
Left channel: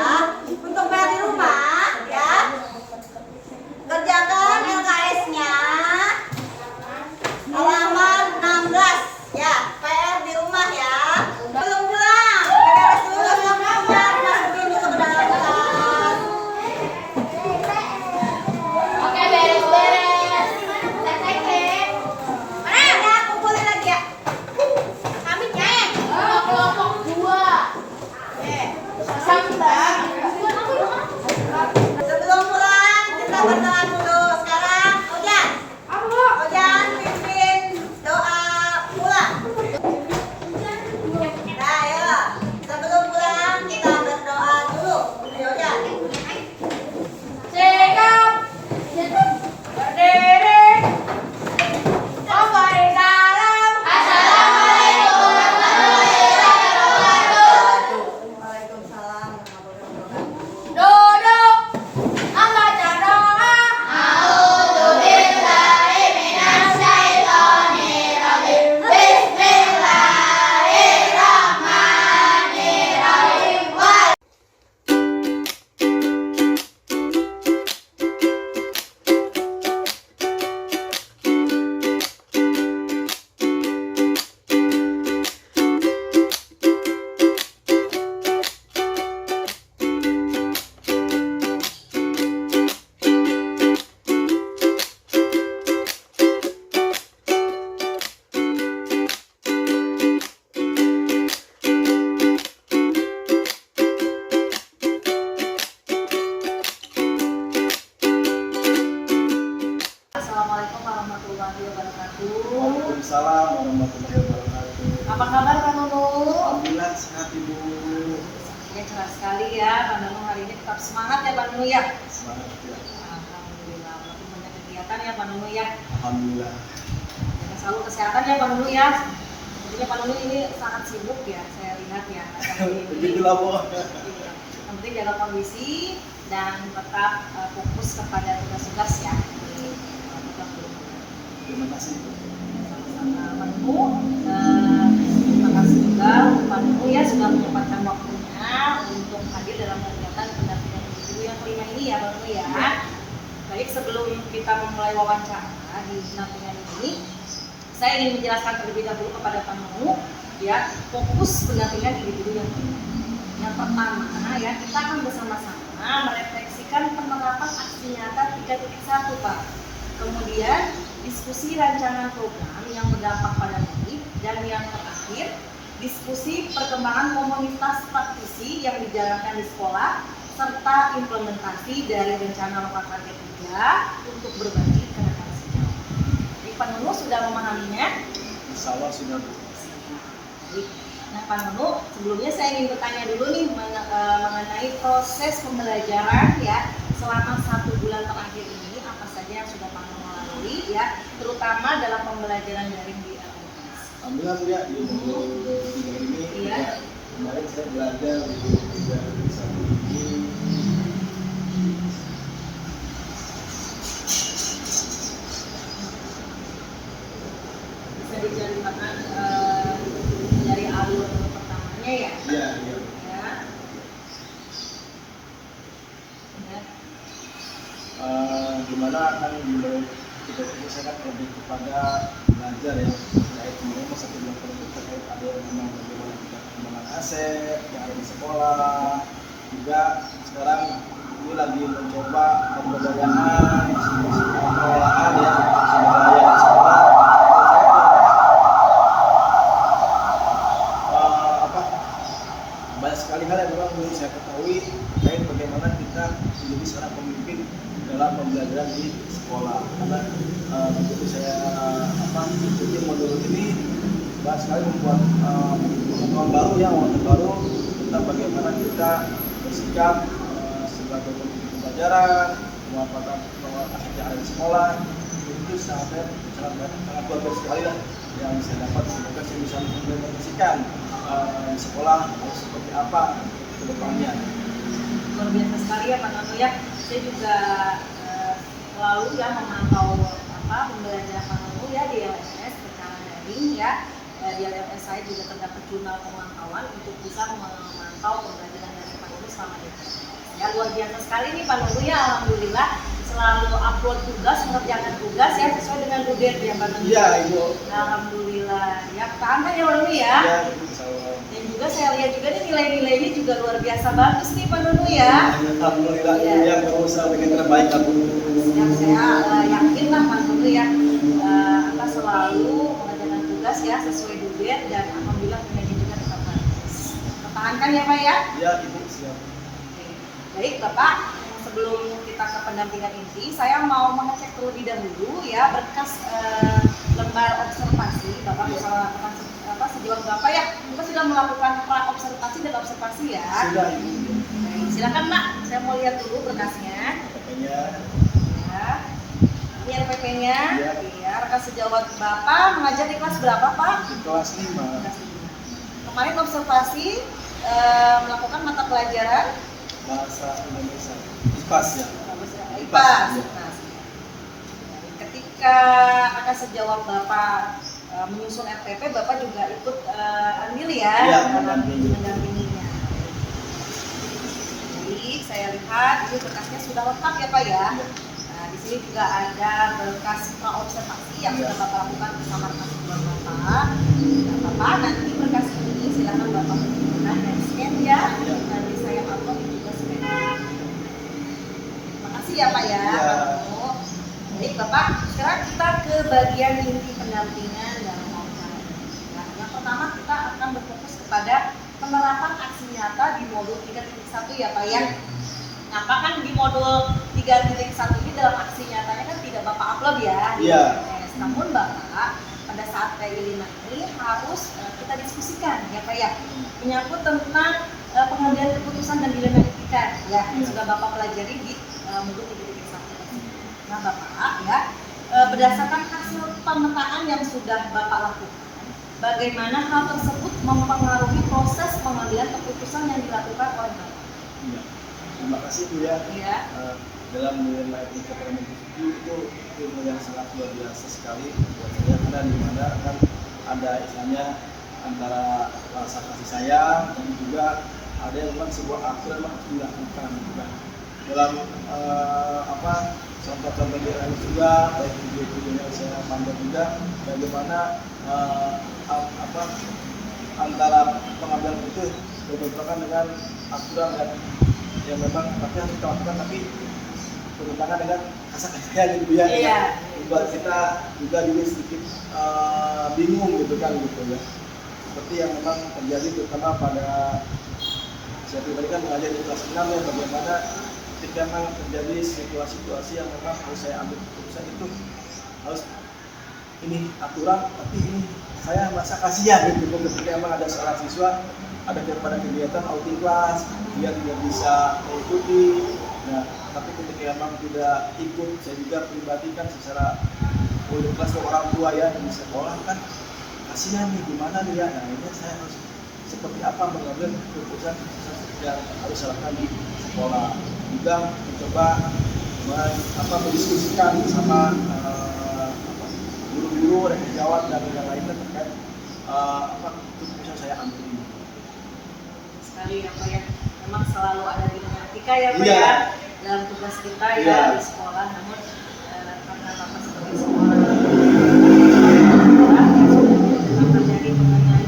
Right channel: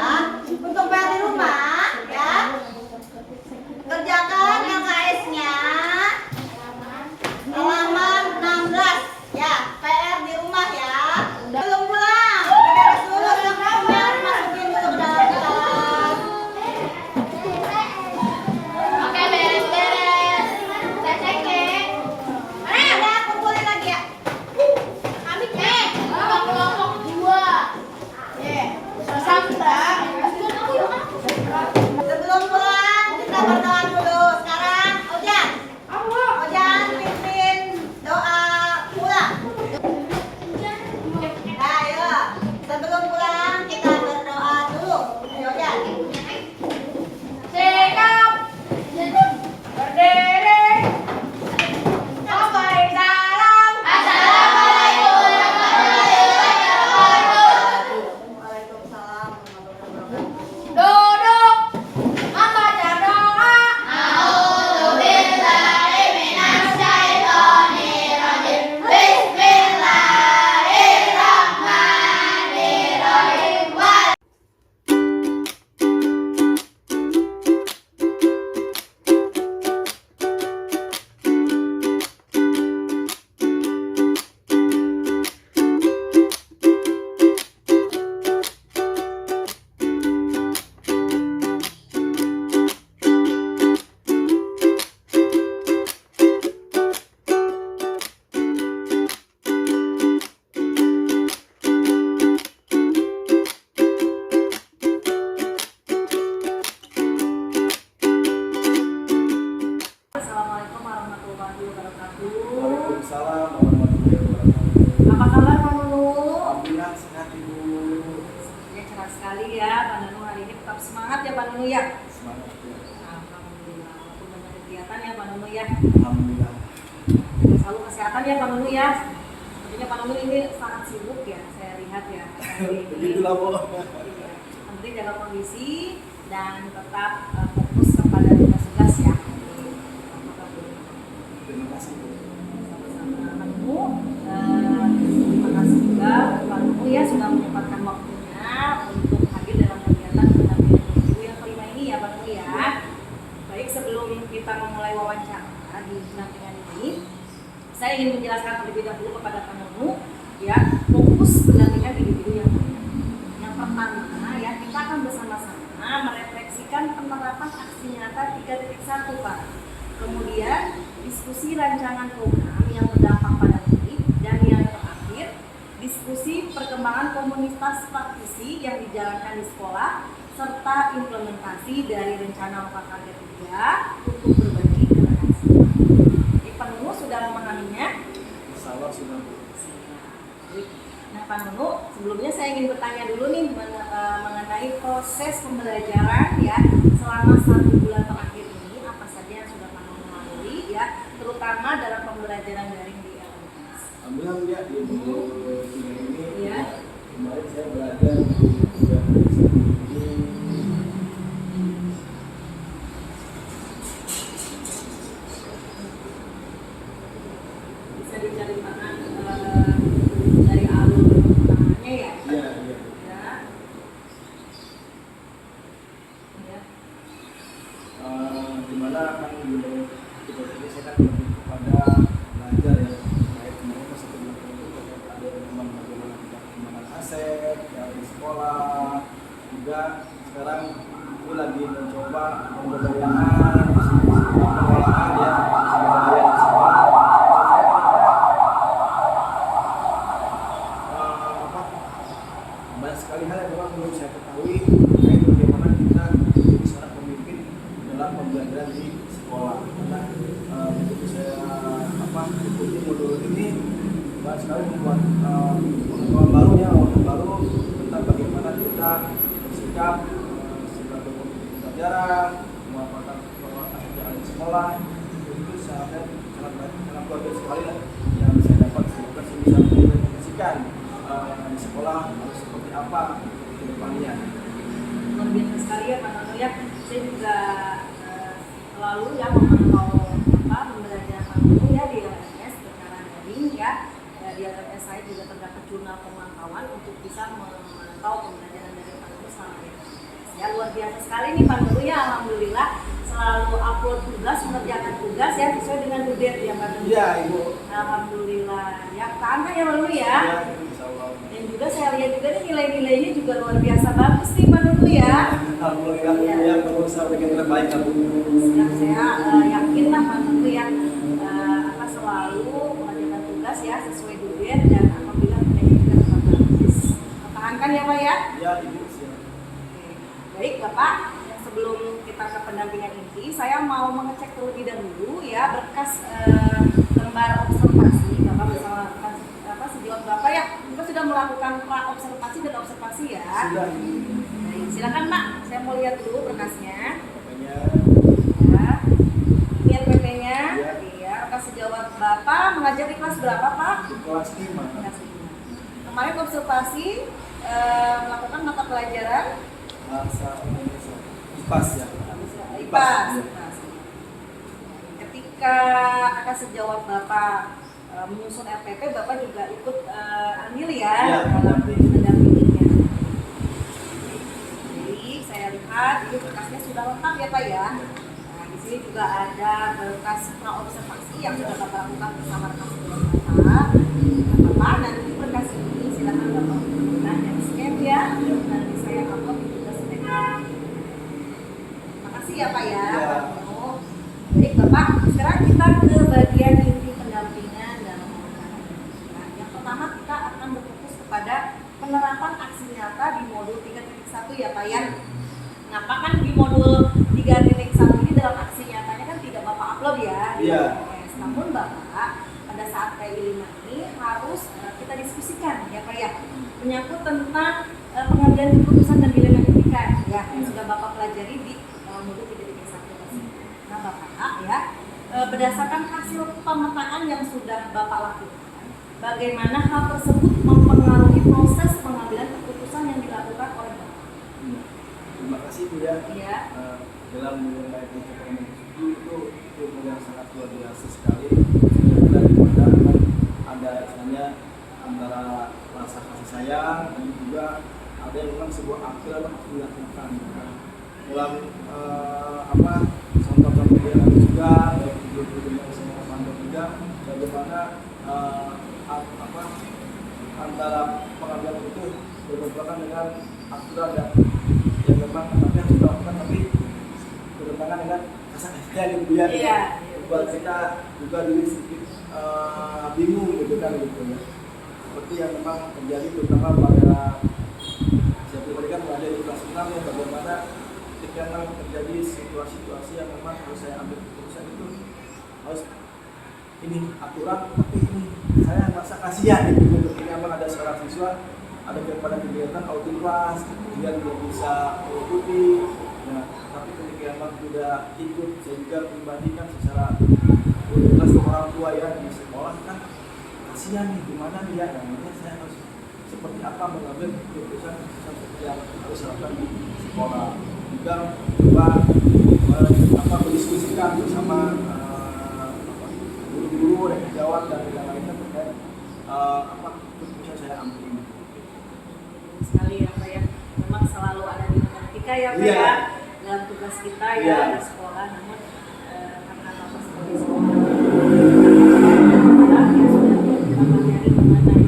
untuk PR di rumah ya, kerjakan LKS-nya halaman 16 ya, PR di rumah ya. Belum pulang, beres dulu semuanya, masukin dulu ke dalam kelas. Oke, beres-beres. Cek. Mana ya, kumpulin lagi ya. Kami cek. Kelompok 2. Sebelum pulang kita berdoa dulu. Sekarang Ojan, Ojan pimpin doa pulang. Nah, ayo. Sebelum pulang kita berdoa dulu. Ayo Ojan. Sikap berdiri, sampai dalam. Assalamualaikum warahmatullahi wabarakatuh. Waalaikumsalam warahmatullahi wabarakatuh. Duduk, membaca doa. A'udzubillahi minasyaitonirrajim. Bismillahirrahmanirrahim. Assalamualaikum warahmatullahi wabarakatuh. Waalaikumsalam warahmatullahi wabarakatuh. Apa kabar Pak Nunu? Alhamdulillah sehat Ibu. Ya cerah sekali ya Pak Nunu, hari ini tetap semangat ya Pak Nunu ya. Semangat ya. Alhamdulillah, walaupun banyak kegiatan ya Pak Nunu ya. Alhamdulillah. Selalu kesehatan ya Pak Nunu ya. Sepertinya Pak Nunu ini sangat sibuk ya, saya lihat ya. Begitulah Bu. Yang penting jaga kondisi dan tetap fokus kepada tugas-tugas ya. Terima kasih Bu. Sama-sama Pak Nunu. Terima kasih juga Pak Nunu ya sudah menyempatkan waktunya untuk hadir dalam kegiatan pendampingan ibu yang kelima ini ya Pak Nunu ya. Baik, sebelum kita memulai wawancara di pendampingan ini, saya ingin menjelaskan terlebih dahulu kepada Pak Nunu ya, fokus pendampingan individu yang kelima. Yang pertama ya, kita akan bersama-sama merefleksikan penerapan aksi nyata 3.1 Pak. Kemudian diskusi rancangan program yang berdampak pada murid, dan yang terakhir diskusi perkembangan komunitas praktisi yang dijalankan di sekolah serta implementasi dari rencana lokal KK 3 untuk berbagi kerenan siswa. Pak Nunu sudah memahaminya? Insya Allah sudah Bu. Nah Pak Nunu, sebelumnya saya ingin bertanya dulu nih mengenai proses pembelajaran ya selama 1 bulan terakhir ini, apa saja yang sudah Pak Nunu lalui ya, terutama dalam pembelajaran daring di LMS. Alhamdulillah Bu ya, di ini Iya. kemarin saya belajar juga bisa ini. Bisa diceritakan dari alur pertamanya ya? Iya, iya. Ya. Ya. Gimana kan kita fokusnya kan lebih kepada belajar ya terkait memang 1 bulan terkait ada memang bagaimana kaset yang ada di sekolah. Juga sekarang ini lagi mencoba pemberdayaan pengelolaan ya pemberdayaan di sekolah. Banyak sekali hal yang memang belum saya ketahui terkait bagaimana kita menjadi seorang pemimpin dalam pembelajaran di sekolah. Karena begitu saya ikuti modul ini banyak sekali membuat pengetahuan baru ya, wawasan baru tentang bagaimana kita bersikap sebagai pemimpin pembelajaran, memanfaatkan aset yang ada di sekolah. Itu sangat luar biasa sekali lah yang saya dapat. Semoga saya bisa mengimplementasikan di sekolah harus seperti apa ke depannya. Luar biasa sekali ya Pak Nono ya. Saya juga selalu ya memantau pembelajaran Pak Nono ya di LMS secara daring ya. Di LMS saya juga terdapat jurnal pemantauan untuk bisa memantau pembelajaran dari Pak Nono selama ini. Ya luar biasa sekali nih Pak Nono ya, alhamdulillah selalu upload tugas, mengerjakan tugas ya sesuai dengan UGT ya Pak Nono. Iya Ibu. Alhamdulillah. Ya tahan ya Pak Nono ya. Iya Ibu, insyaallah. Dan juga saya lihat juga nih nilai-nilainya juga luar biasa bagus nih Pak Nono ya. Alhamdulillah Iya. yang berusaha bikin terbaik Ibu. Yang saya yakin lah Pak Nono ya selalu mengerjakan tugas ya sesuai UGT dan alhamdulillah nilainya juga tetap bagus. Pertahankan ya Pak ya. Iya Ibu, siap. Oke. Baik Bapak, sebelum kita ke pendampingan inti, saya mau mengecek terlebih dahulu ya berkas lembar observasi. Bapak bisa melakukan sejauh berapa ya? Bapak sudah melakukan pra observasi dan observasi ya. Sudah Ibu. Baik, silakan Nak, saya mau lihat dulu berkasnya. Katanya Ya. Ini RPP-nya. Ya. Iya, rekan sejawat Bapak mengajar di kelas berapa Pak? di kelas 5 Kelas 5. Kemarin observasi melakukan mata pelajaran bahasa Indonesia. IPAS ya. IPAS. Iya. Ketika akan sejawab Bapak menyusun RPP, Bapak juga ikut andil ya Iya, dalam mendampingi. mendampinginya. Jadi saya lihat ini berkasnya sudah lengkap ya Pak ya. Iya. Nah, di sini juga ada berkas praobservasi yang Iya. sudah Bapak lakukan bersama rekan sejawat Bapak. Nah, Bapak nanti berkas ini silakan Bapak gunakan dan scan ya. Iya. Nanti saya upload juga scan. Makasih ya Pak ya. Iya. Baik Bapak, sekarang kita ke bagian inti pendampingan dalam wawancara ini. Nah, yang pertama kita akan berfokus kepada penerapan aksi nyata di modul 3.1 ya Pak ya. Kenapa kan di modul 3.1 ini dalam aksi nyatanya kan tidak Bapak upload ya. Iya. Yes, namun Bapak pada saat PI 5 ini harus kita diskusikan ya Pak ya. Menyangkut tentang pengambilan keputusan dan dilema etika ya yang Iya. sudah Bapak pelajari di modul 3.1 tersebut. Nah Bapak ya, berdasarkan hasil pemetaan yang sudah Bapak lakukan, bagaimana hal tersebut mempengaruhi proses pengambilan keputusan yang dilakukan oleh Bapak? Iya. Terima kasih Bu ya. Ya. Dalam menilai pencapaian itu ilmu yang sangat luar biasa sekali. Saya ada di mana akan ada istilahnya antara rasa kasih sayang dan juga ada yang memang sebuah aturan yang harus dilakukan. Nah, dalam contoh-contoh dia lain juga, baik video-video yang saya pantau juga, bagaimana antara pengambilan itu berbentrokan dengan aturan yang memang tapi harus dilakukan tapi bertentangan dengan kasar-kasarnya gitu ya. Iya. Buat kita juga jadi sedikit bingung gitu kan gitu ya. Seperti yang memang terjadi terutama pada saya pribadi kan mengajar di kelas 6 ya, bagaimana ketika memang terjadi situasi-situasi yang memang harus saya ambil keputusan itu harus ini aturan tapi ini saya merasa kasihan gitu ketika memang ada seorang siswa ada pada kegiatan outing kelas dia tidak bisa mengikuti ya, tapi ketika memang tidak ikut saya juga pribadi kan secara outing kelas ke orang tua ya di sekolah kan kasihan nih gimana nih ya, nah ini saya harus seperti apa mengambil keputusan yang harus saya lakukan di sekolah juga coba mendiskusikan bersama guru-guru dan sejawat dan yang lainnya terkait keputusan saya ambil ini. Sekali ya Pak ya, memang selalu ada dinamika ya Pak Iya. ya dalam tugas kita ya Iya. di sekolah. Namun karena Bapak sebagai seorang yang sudah kita pelajari mengenai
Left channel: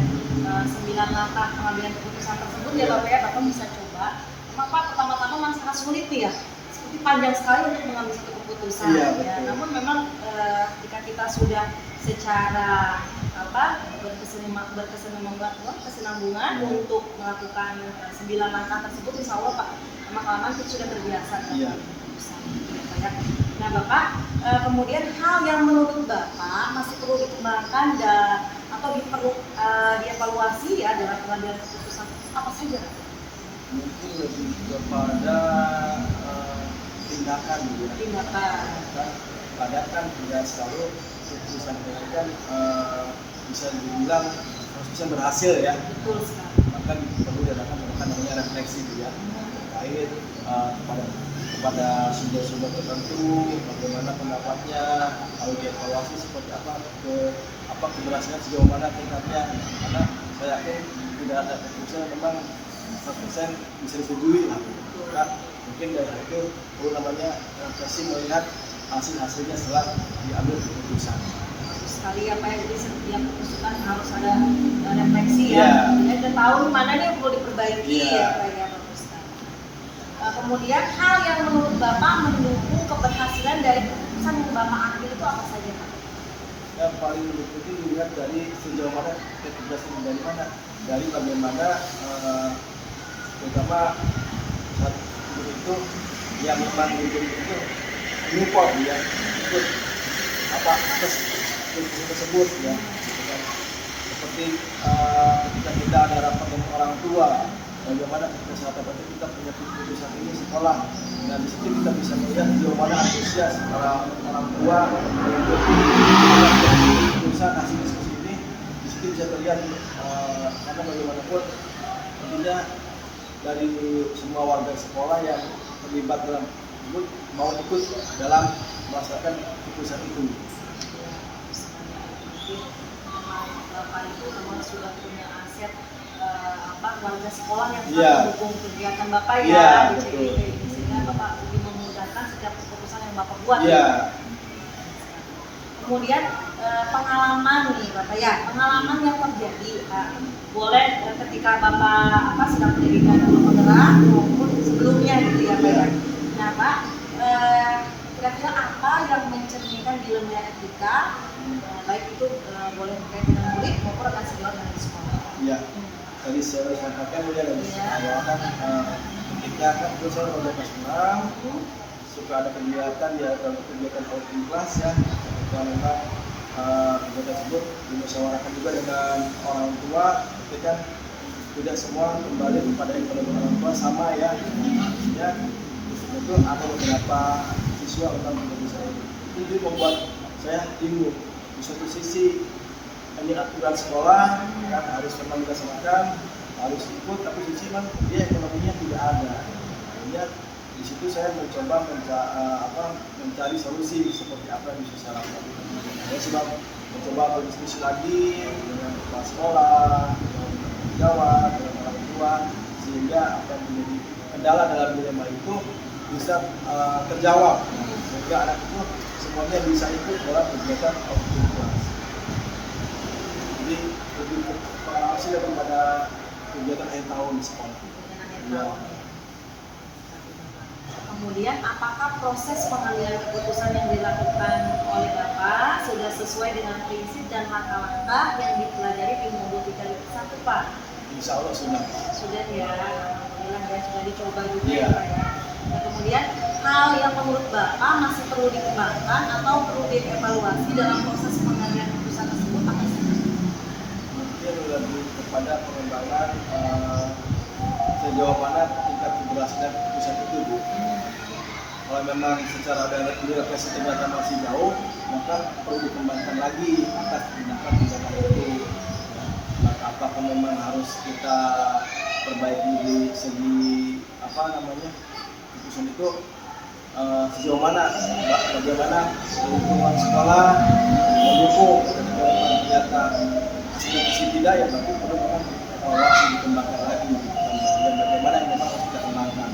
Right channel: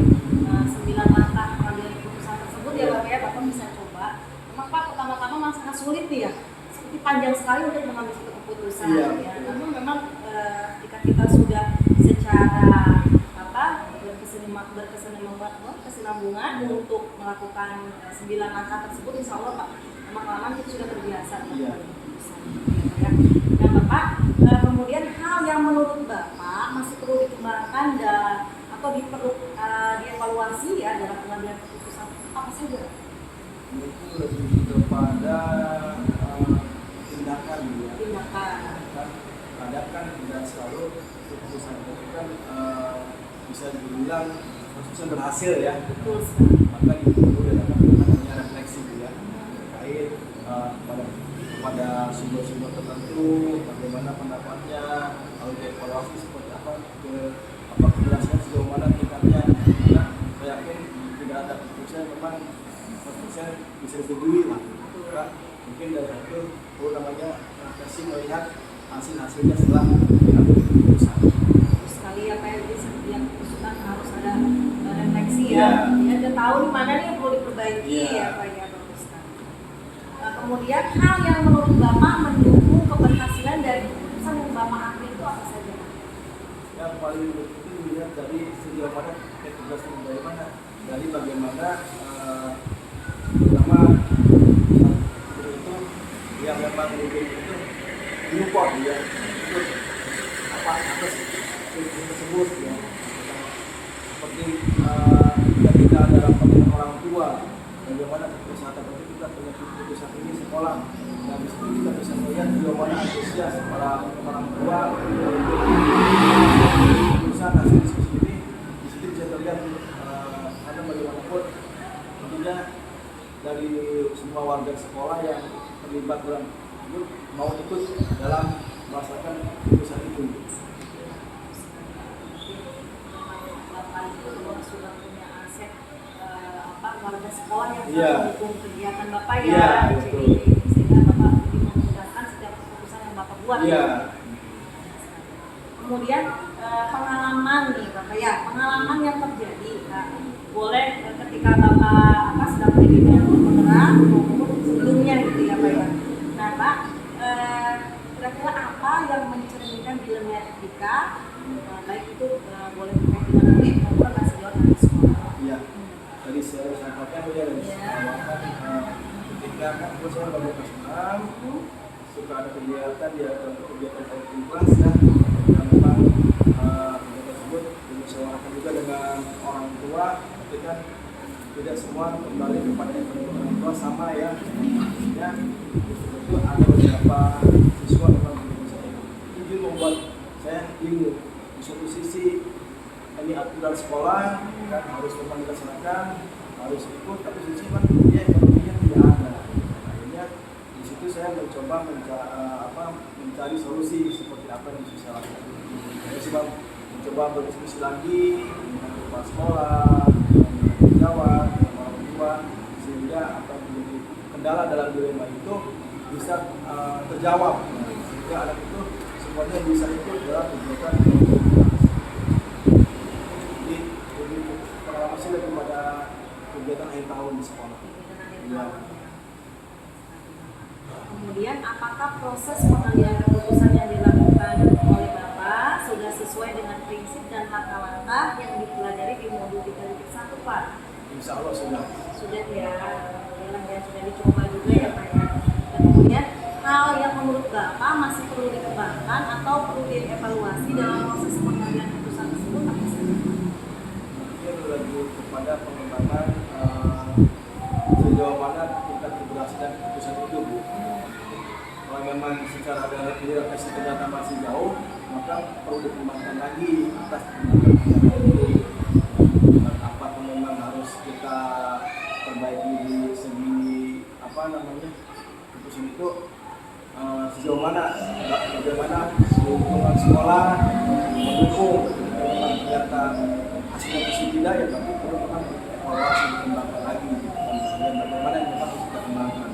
9 langkah pengambilan keputusan ya Bapak ya, Bapak bisa coba. Memang Pak pertama-tama memang sangat sulit nih ya, seperti panjang sekali untuk mengambil satu keputusan Iya, ya. betul. Namun memang jika kita sudah secara berkesinambungan untuk melakukan 9 langkah tersebut, insya Allah Pak lama-kelamaan kita sudah terbiasa dengan Iya. keputusan. Ya. Nah Bapak, kemudian hal yang menurut Bapak masih perlu dikembangkan atau dievaluasi ya dalam pengambilan keputusan apa saja? Pak? Mungkin lebih kepada tindakan gitu ya. Tindakan. Kan kadang kan tidak selalu keputusan itu kan bisa dibilang keputusan berhasil ya. Betul sekali. Maka perlu dilakukan namanya refleksi juga terkait kepada sumber-sumber tertentu, bagaimana pendapatnya, lalu dievaluasi seperti apa, keberhasilan sejauh mana tingkatnya. Karena saya yakin tidak ada keputusan memang 100% bisa disetujui lah. Maka mungkin dari itu perlu namanya refleksi melihat hasilnya setelah diambil keputusan. Bagus sekali ya Pak, jadi setiap keputusan harus ada refleksi Iya. ya. Dan tahu mana nih yang perlu diperbaiki Iya. ya Pak ya, bagus sekali. Kemudian hal yang menurut Bapak mendukung keberhasilan dari keputusan yang Bapak ambil itu apa saja Pak? Yang paling penting dilihat dari sejauh mana keberhasilan dari mana, dari bagaimana pertama saat itu yang memang menjadi itu menyupport ya ikut atas keputusan tersebut ya. Seperti jika kita ada rapat dengan orang tua, bagaimana kesehatan itu kita punya keputusan ini sekolah, dan di situ kita bisa melihat sejauh mana antusias para orang tua untuk keputusan hasil diskusi ini. Di situ bisa terlihat karena bagaimanapun tentunya dari semua warga sekolah yang terlibat dalam tersebut mau ikut dalam merasakan keputusan itu. Bapak itu memang sudah punya aset warga sekolah yang Iya. sangat mendukung kegiatan Bapak ya, Iya, di betul. CID ini, sehingga Bapak lebih memudahkan setiap keputusan yang Bapak buat. Iya. Kemudian pengalaman nih Bapak ya, pengalaman yang terjadi boleh ketika Bapak sedang pendidikan guru penggerak maupun sebelumnya gitu ya Pak ya. Nah Pak, kira-kira apa yang mencerminkan dilema etika, baik itu boleh terkait dengan murid maupun rekan senior dari sekolah. Iya. Tadi saya sudah sampaikan ya dari awal kan ketika kan saya pada kelas 6 suka ada kegiatan ya, kegiatan outing kelas ya, yang memang kegiatan tersebut dimusyawarahkan juga dengan orang tua, tapi kan tidak semua kembali kepada orang tua sama ya. Artinya itu ada beberapa siswa memang tidak bisa itu membuat saya bingung. Di suatu sisi ini aturan sekolah kan harus memang dilaksanakan, harus ikut, tapi di sisi kan dia ekonominya tidak ada. Akhirnya di situ saya mencoba mencari solusi seperti apa yang bisa saya lakukan. Saya coba mencoba berdiskusi lagi dengan kepala sekolah, dengan pejabat, dengan orang tua, sehingga apa yang menjadi kendala dalam dilema itu bisa terjawab. Sehingga anak itu semuanya bisa ikut dalam kegiatan kelas. Jadi lebih pengalaman sih daripada kegiatan akhir tahun di sekolah. Ya. Kemudian apakah proses pengambilan keputusan yang dilakukan oleh Bapak sudah sesuai dengan prinsip dan langkah-langkah yang dipelajari di modul 3.1 Pak? Insya Allah sudah. Sudah ya, alhamdulillah ya, sudah dicoba juga Iya. ya Pak ya. Dan kemudian hal yang menurut Bapak masih perlu dikembangkan atau perlu dievaluasi dalam proses pengambilan keputusan tersebut apa sih? Mungkin lebih kepada pengembangan sejauh mana tingkat keberhasilan keputusan itu, Bu. Kalau memang secara refleksi ternyata masih jauh, maka perlu dikembangkan lagi atas tindakan-tindakan itu. Apakah memang harus kita perbaiki di segi keputusan itu sejauh mana, bagaimana lingkungan sekolah mendukung, ternyata hasilnya positif tidak ya, tapi perlu memang evaluasi dikembangkan lagi dan bagaimana yang memang harus kita kembangkan.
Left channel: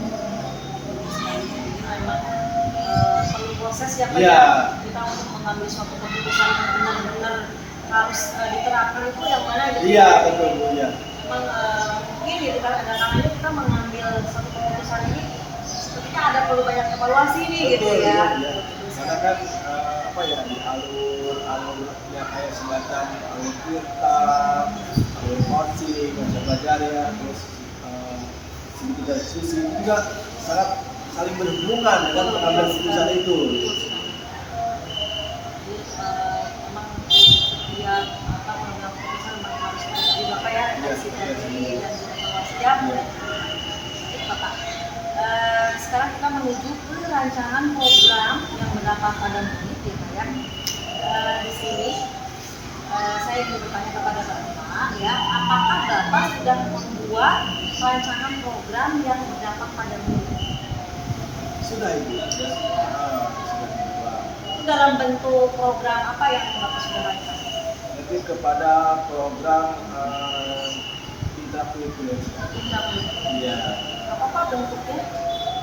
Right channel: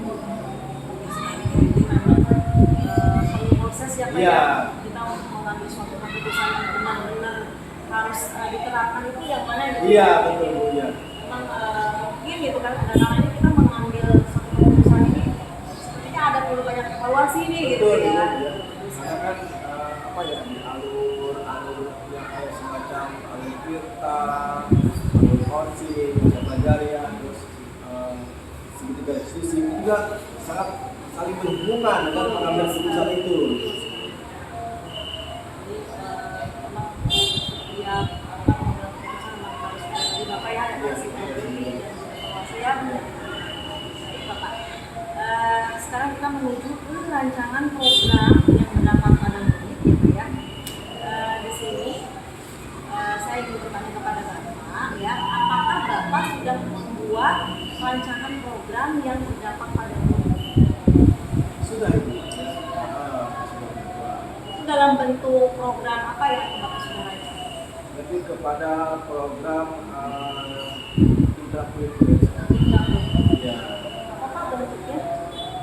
Perlu proses ya Pak Iya. ya, kita untuk mengambil suatu keputusan yang benar-benar harus diterapkan itu yang mana gitu. Iya betul Bu ya. Memang mungkin gitu kan, ada kalanya kita mengambil satu keputusan ini sepertinya ada perlu banyak evaluasi nih gitu Betul, ya. iya. Karena kan apa ya, di alur-alurnya kayak semacam alur tirta, alur coaching yang saya pelajari ya, terus segitiga diskusi itu juga sangat saling berhubungan dengan pengambilan keputusan itu. Jadi memang setiap pengambilan keputusan memang harus dari Bapak ya, evaluasi tadi dan juga evaluasi ya. Baik Bapak. Sekarang kita menuju ke rancangan program yang berdampak pada murid gitu ya. Di sini saya ingin bertanya kepada Bapak ya, apakah Bapak sudah membuat rancangan program yang berdampak pada murid? Sudah Ibu. Sudah dibuat. Itu dalam bentuk program apa yang Bapak sudah rancang? Lebih kepada program intrakurikuler. Iya. Apa bentuknya?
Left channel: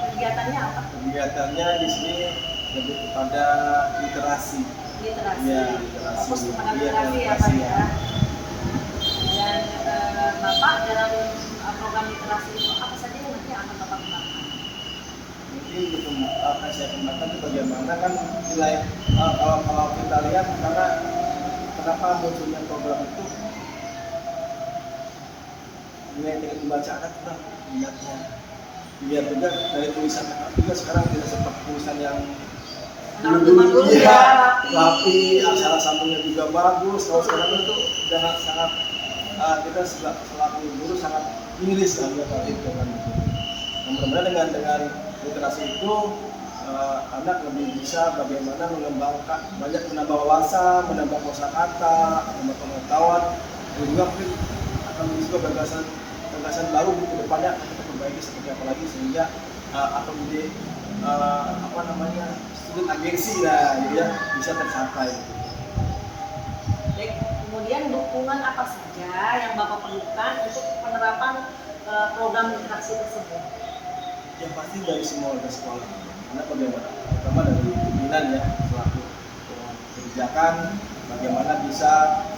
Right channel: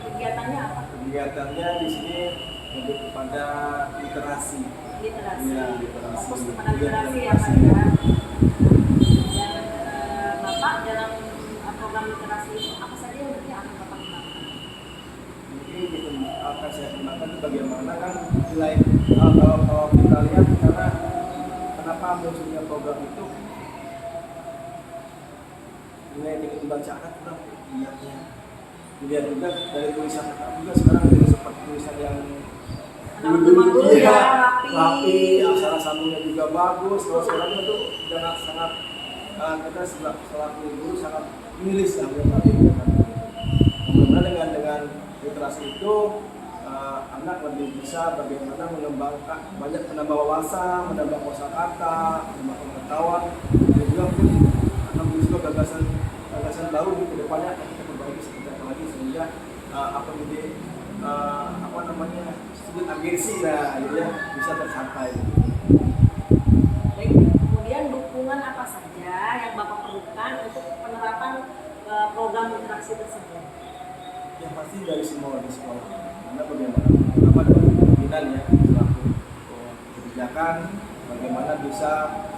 Kegiatannya apa? Kegiatannya di sini lebih kepada literasi. Literasi. Iya, literasi. Fokus kepada Iya, literasi ya Pak literasi. ya. Dan Bapak dalam program literasi itu apa saja yang nanti akan Bapak kembangkan? Mungkin gitu akan saya kembangkan itu bagaimana kan nilai kalau kita lihat karena kenapa munculnya program itu nilai teknik baca anak kita minatnya dilihat juga dari tulisan anak juga sekarang tidak seperti tulisan yang Dulu ya, rapi, aksara sambungnya juga bagus. Kalau sekarang itu udah sangat kita selaku guru sangat miris lah buat itu kan. Mudah-mudahan dengan literasi itu anak lebih bisa bagaimana mengembangkan banyak menambah wawasan, menambah kosakata, menambah pengetahuan, dan juga mungkin akan juga gagasan baru ke depannya akan kita perbaiki seperti apa lagi sehingga apa menjadi apa namanya student agensi lah gitu ya bisa tercapai. Baik, kemudian dukungan apa saja yang Bapak perlukan untuk penerapan program literasi tersebut? Yang pasti dari semua warga sekolah. Karena bagaimana pertama dari pimpinan ya selaku kebijakan bagaimana bisa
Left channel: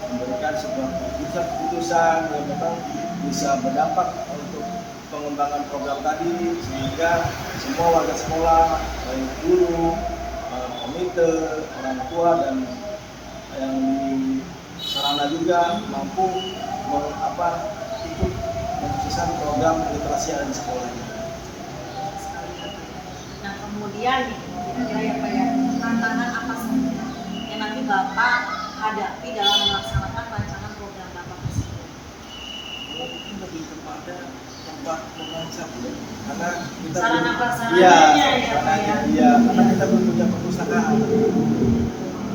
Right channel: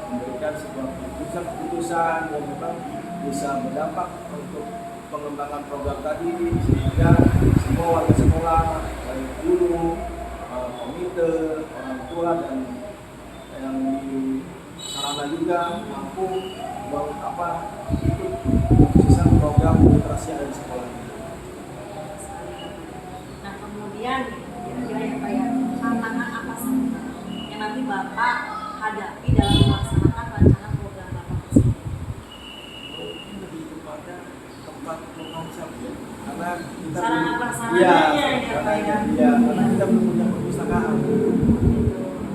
memberikan sebuah keputusan yang memang bisa berdampak untuk pengembangan program tadi sehingga semua warga sekolah, baik guru, komite, orang tua dan yang di sarana juga mampu ikut keputusan program literasi yang ada di sekolah. Nah kemudian kira-kira ya Pak ya, tantangan apa saja yang nanti Bapak hadapi dalam melaksanakan rancangan program Bapak tersebut? Mungkin lebih kepada tempat membaca ya, karena kita Sarana prasarananya ya Pak ya. Iya, karena kita belum punya perpustakaan.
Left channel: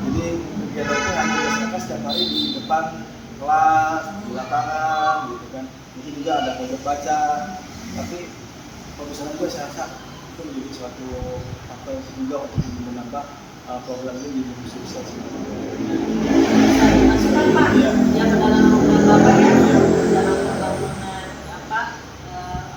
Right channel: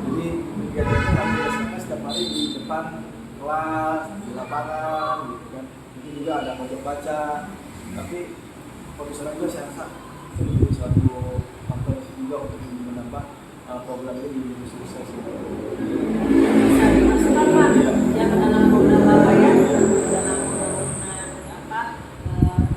Jadi kegiatan itu kami laksanakan setiap hari di depan kelas, di lapangan, gitu kan. Mungkin juga ada pojok baca, tapi perpustakaan juga saya rasa itu menjadi suatu faktor juga untuk menambah program ini di sukses. Bisa dimasukkan Pak Iya. yang ke dalam program Bapak ya, dalam pembangunan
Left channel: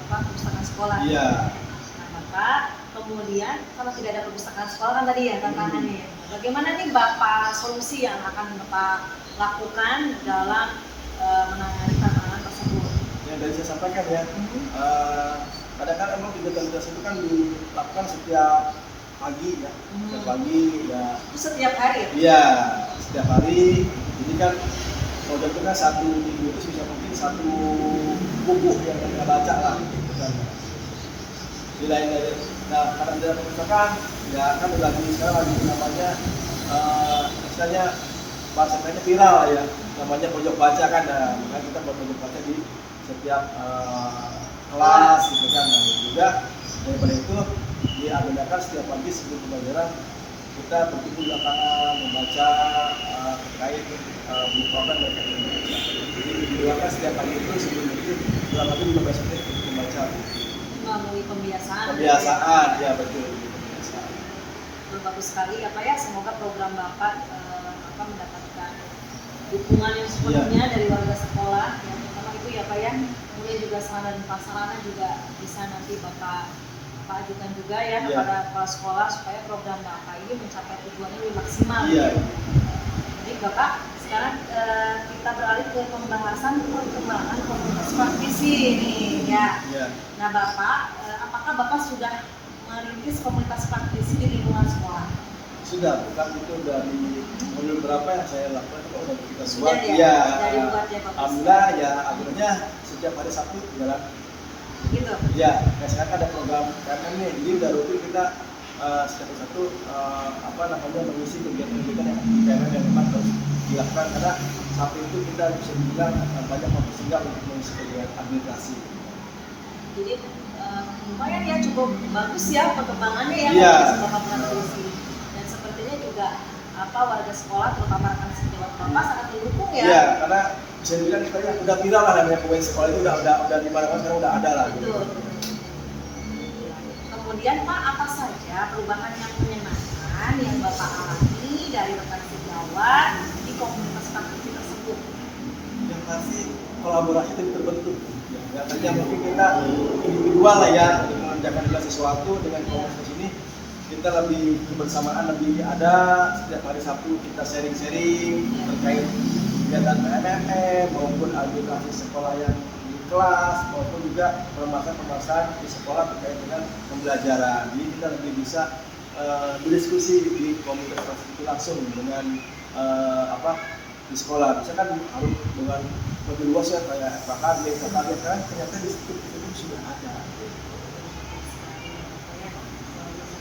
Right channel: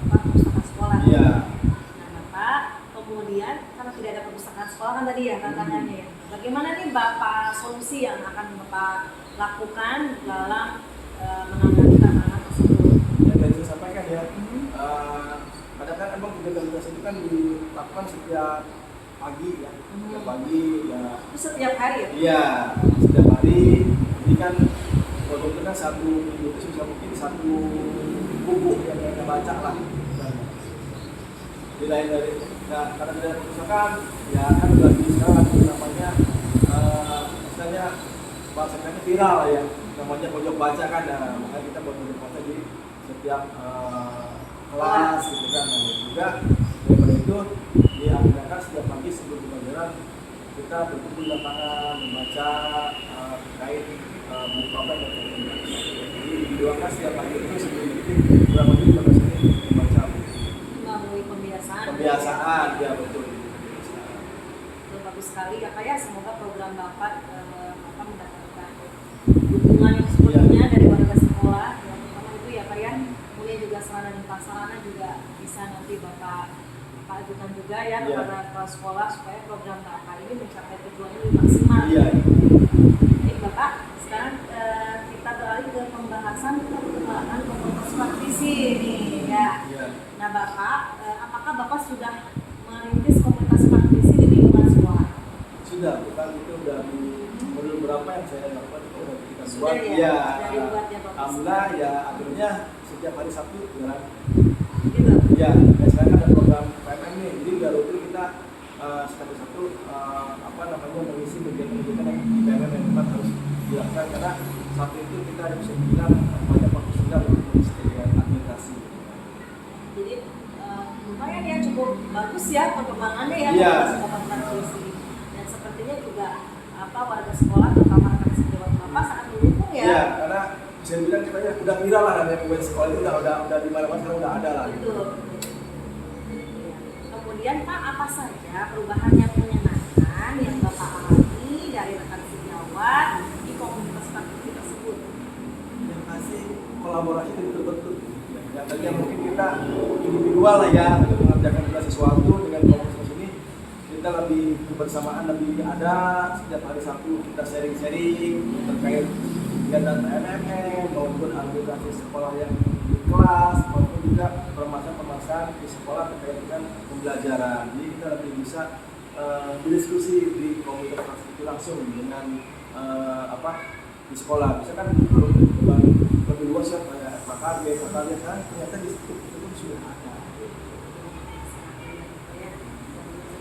perpustakaan sekolah. Iya. Nah Bapak, kemudian karena tidak ada perpustakaan sekolah kan tadi ya tantangannya. Bagaimana nih Bapak solusi yang akan Bapak lakukan dalam menangani tantangan tersebut? Yang tadi saya sampaikan ya, kadang-kadang emang digitalisasi itu kan dilakukan setiap pagi ya, setiap pagi ya. Itu setiap hari ya? Iya, setiap hari. Jadi kan program itu kan satu minggu itu bisa mungkin satu buku yang mereka baca lah. Dan di lain dari, nah karena tidak perpustakaan, ya kan lagi sekarang lagi namanya istilahnya bahasanya viral lah ya, namanya pojok baca kan. Nah, makanya kita buat pojok baca di setiap kelas gitu kan. Nah, juga daripada itu diadakan setiap pagi sebelum pembelajaran kita berkumpul di lapangan membaca terkait buku apa dan jadi diluarkan setiap pagi itu sebelum itu kurang lebih 15 menit membaca buku. Melalui pembiasaan. Kebiasaan ya betul. Kebiasaan. Bagus sekali ya Pak ya, semoga program Bapak mendapatkan dukungan yang sepenuhnya dari warga sekolah yang pertama itu ya Pak ya, kemudian juga sarana dan prasarana juga bisa nanti Bapak ajukan juga ya kepada kepala sekolah supaya program Bapak ini mencapai tujuannya lebih maksimal. Iya. Baik Bapak, sekarang kita beralih ke pembahasan perkembangan komunitas praktisi nih. ya. Iya. Nah Bapak, apakah Bapak sudah merintis komunitas praktisi di lingkungan sekolah? Sudah, bukan itu dari modul berapa yang saya lakukan itu udah kita Sudah buat. ya? Iya. Dari buat ya Bapak? Alhamdulillah ya akhirnya setiap hari Sabtu jalan. Gitu? Iya, ya sekarang ada program KMM nih, jadi udah rutin kita setiap hari Sabtu mengisi kegiatan-kegiatan yang KMM yang memang harus dilakukan karena Sabtu itu kita bisa dibilang banyak waktu sehingga untuk mengisi kegiatan administrasi. Jadi lumayan ya, cukup bagus ya perkembangannya ya Iya. Bapak praktisi. Dan sepertinya juga warga sekolah terutama rekan sejawat Bapak sangat mendukung ya. Iya, karena bisa dibilang kita ya udah viral lah namanya kue sekolah itu udah di mana-mana sekarang udah ada lah. Betul. Ya. Kemudian Pak, apa saja perubahan yang menyenangkan yang Bapak alami dari rekan sejawat di komunitas praktisi tersebut? Yang pasti kolaborasi itu terbentuk. Ya, tadinya mungkin kita individual lah ya untuk mengerjakan sesuatu dengan komunitas ini kita lebih kebersamaan lebih ada setiap hari Sabtu kita sharing-sharing terkait kegiatan PNMM maupun edukasi sekolah yang di kelas maupun juga permasalahan-permasalahan di sekolah terkait dengan pembelajaran. Jadi kita lebih bisa berdiskusi di komunitas itu langsung dengan di sekolah. Misalkan dengan lebih luas ya kayak FKKB kan ternyata di situ itu pun sudah ada.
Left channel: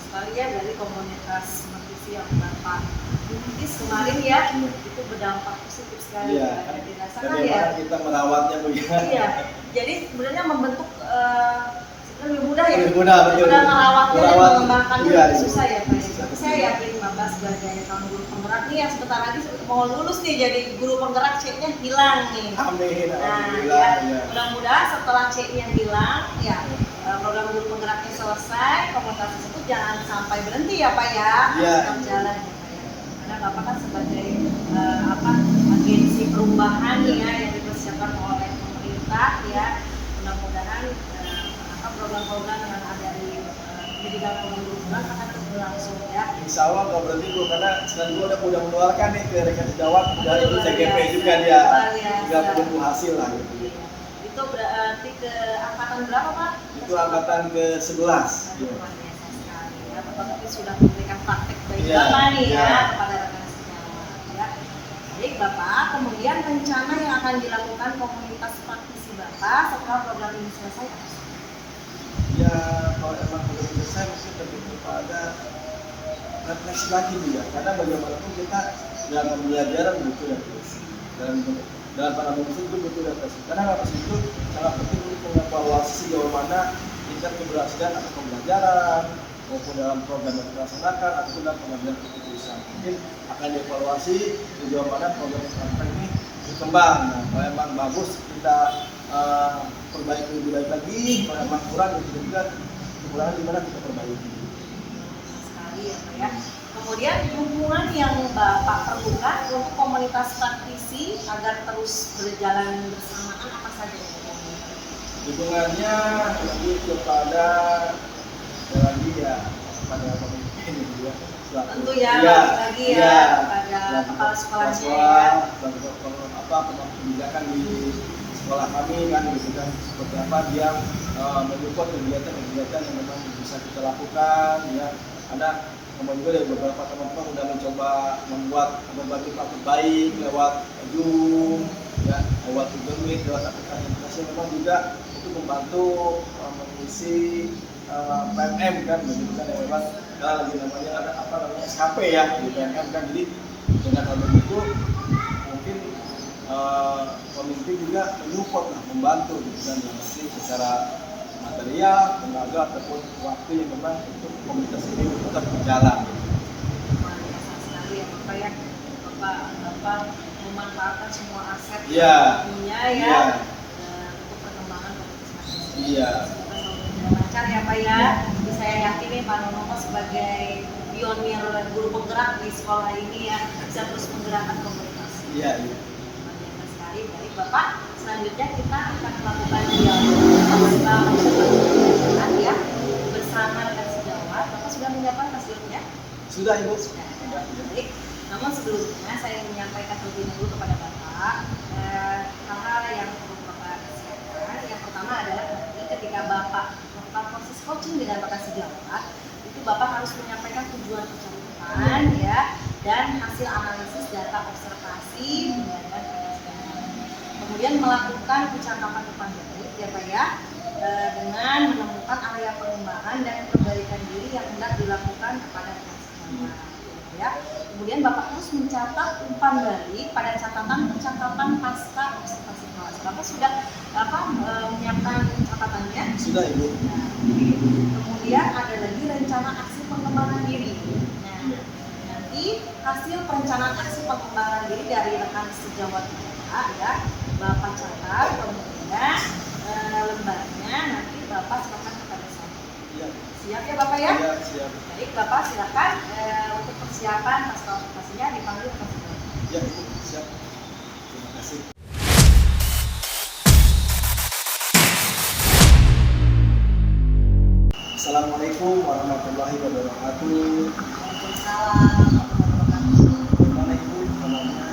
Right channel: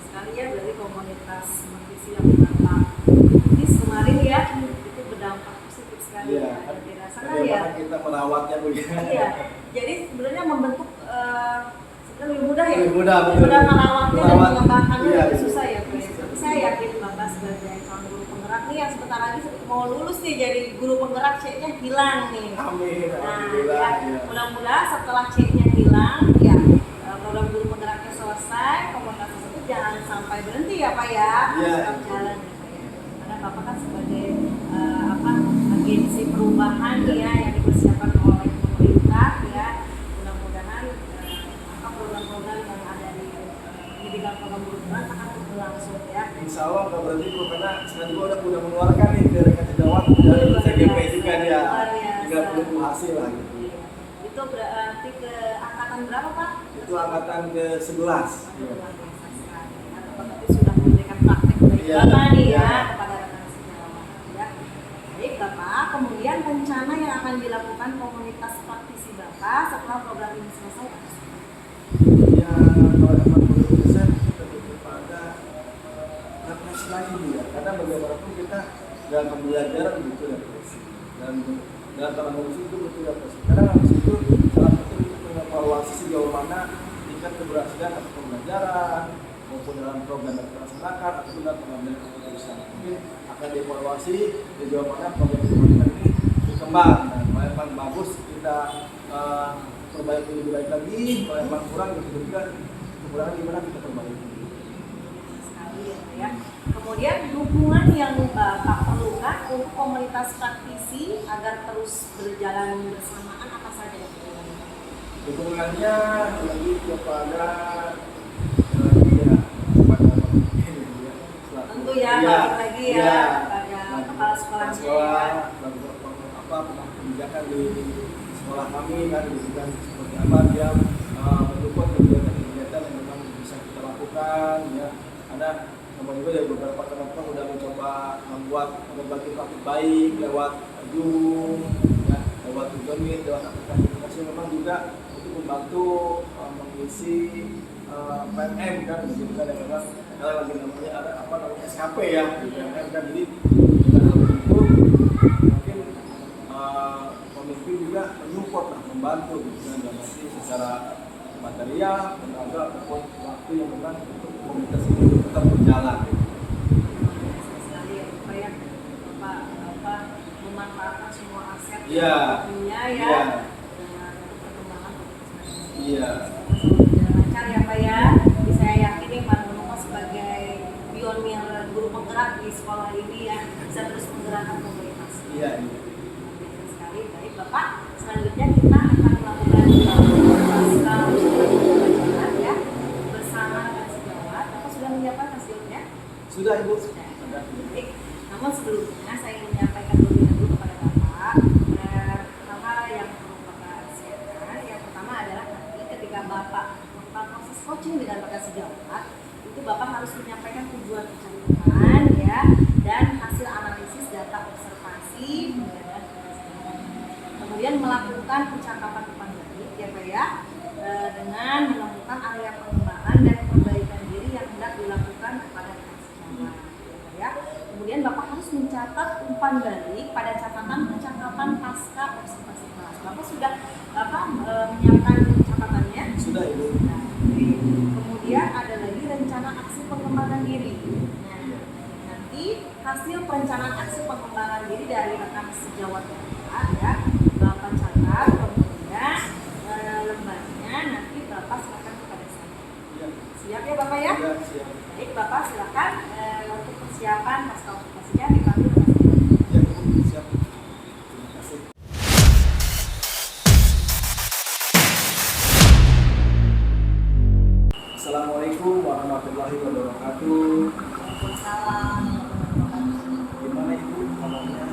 Sekali ya dari komunitas praktisi yang Bapak rintis kemarin ya, itu berdampak positif sekali Iya, ya, dan dirasakan bagaimana ya. kita merawatnya begitu. Iya, jadi sebenarnya membentuk sebenarnya lebih mudah ya. Lebih mudah, betul. Mudah merawatnya dan Merawat, mengembangkannya iya, lebih susah ya Pak. susah. Tapi saya yakin Bapak sebagai calon guru penggerak nih yang sebentar lagi mau lulus nih jadi guru penggerak C-nya hilang nih. Amin, Nah, alhamdulillah. ya, Ya. mudah-mudahan setelah C-nya hilang, ya program guru penggeraknya selesai, komunitas tersebut jangan sampai berhenti ya Pak ya, Iya. tetap jalan ya Pak ya. Karena Bapak kan sebagai agensi perubahan ya yang dipersiapkan oleh pemerintah ya, mudah-mudahan program-program yang ada di bidang program guru penggerak akan terus berlangsung ya. Insya Allah nggak berhenti Bu, karena sekarang gue udah menularkan nih ke rekan sejawat dari CGP juga dia, tinggal menunggu hasil lah gitu. Itu berarti ke angkatan berapa Pak? Itu angkatan ke-11. Aduh, luar biasa sekali ya. Bapak tadi sudah memberikan praktek bagi Iya, Bapak nih ya iya. kepada rekan sejawat ya. Baik Bapak, kemudian rencana yang akan dilakukan komunitas praktisi Bapak setelah program ini selesai apa sih? Ya kalau emang belum selesai kita lebih kepada refleksi lagi nih ya, karena bagaimanapun kita yang pembelajaran butuh refleksi dan dalam pandangan itu butuh refleksi. Karena refleksi itu sangat penting untuk mengevaluasi sejauh mana tingkat keberhasilan atau pembelajaran maupun dalam program yang dilaksanakan ataupun dalam pengambilan keputusan. Mungkin akan dievaluasi sejauh mana program ini berkembang. Nah, kalau memang bagus kita perbaiki lebih baik lagi, kalau memang kurang itu juga kekurangan di mana kita perbaiki. Sekali ya Pak ya. Kemudian dukungan yang Bapak perlukan untuk komunitas praktisi agar terus berjalan bersamaan apa saja yang diperlukan? Dukungannya lebih kepada kepada pemimpin ya. Tentu ya, Iya, balik lagi ya iya. kepada kepala sekolahnya sekolah, ya. pengambil kebijakan di sekolah kami kan gitu kan seperti apa dia mendukung kegiatan-kegiatan yang memang bisa kita lakukan ya. Ada kemudian juga dari beberapa teman-teman sudah mencoba membuat berbagai praktik baik lewat Zoom ya, lewat Google Meet, lewat aplikasi memang juga itu membantu mengisi PNM kan begitu kan yang memang lagi namanya ada SKP ya di PNM kan. Jadi dengan hal itu mungkin pemimpin juga menyupport lah, membantu gitu kan yang pasti secara material, tenaga ataupun waktu yang memang untuk komunitas ini tetap berjalan. Luar biasa sekali ya Bapak ya. Bapak memanfaatkan semua aset Iya. yang punya ya Iya. untuk perkembangan komunitas praktisi. Iya. Semoga selalu berjalan lancar ya Pak ya. Jadi saya yakin nih Pak Nono sebagai pionir guru penggerak di sekolah ini ya bisa terus menggerakkan komunitas. Iya. Iya. Luar biasa sekali. Baik Bapak, selanjutnya kita akan melakukan dialog pasca pembelajaran ya bersama rekan sejawat. Bapak sudah menyiapkan hasilnya? Sudah Ibu. Sudah. Baik. Namun sebelumnya saya ingin menyampaikan dulu kepada Bapak hal-hal yang perlu Bapak siapkan. Yang pertama adalah nanti Bapak melakukan proses coaching dengan bakat sejawat, itu Bapak harus menyampaikan tujuan percakapan ya dan hasil analisis data observasi pembelajaran kelasnya. Kemudian melakukan percakapan depan publik ya Pak ya, dengan menemukan area pengembangan dan perbaikan diri yang hendak dilakukan kepada kelas sejawat ya. Kemudian Bapak harus mencatat umpan balik pada catatan percakapan pasca observasi kelas. Bapak sudah menyiapkan catatannya? Sudah Ibu. Nah, kemudian ada lagi rencana aksi pengembangan diri. Nah, nanti hasil perencanaan aksi pengembangan diri dari rekan sejawat Bapak ya, Bapak catat, kemudian lembarnya nanti Bapak silakan kepada saya. Iya. Siap ya Bapak ya? Iya, siap. Baik, Bapak silakan untuk persiapan pasca observasinya dipanggil ke sini. Iya, Ibu, siap. Terima kasih. Assalamualaikum warahmatullahi wabarakatuh. Waalaikumsalam warahmatullahi wabarakatuh. Bagaimana Ibu kabarnya?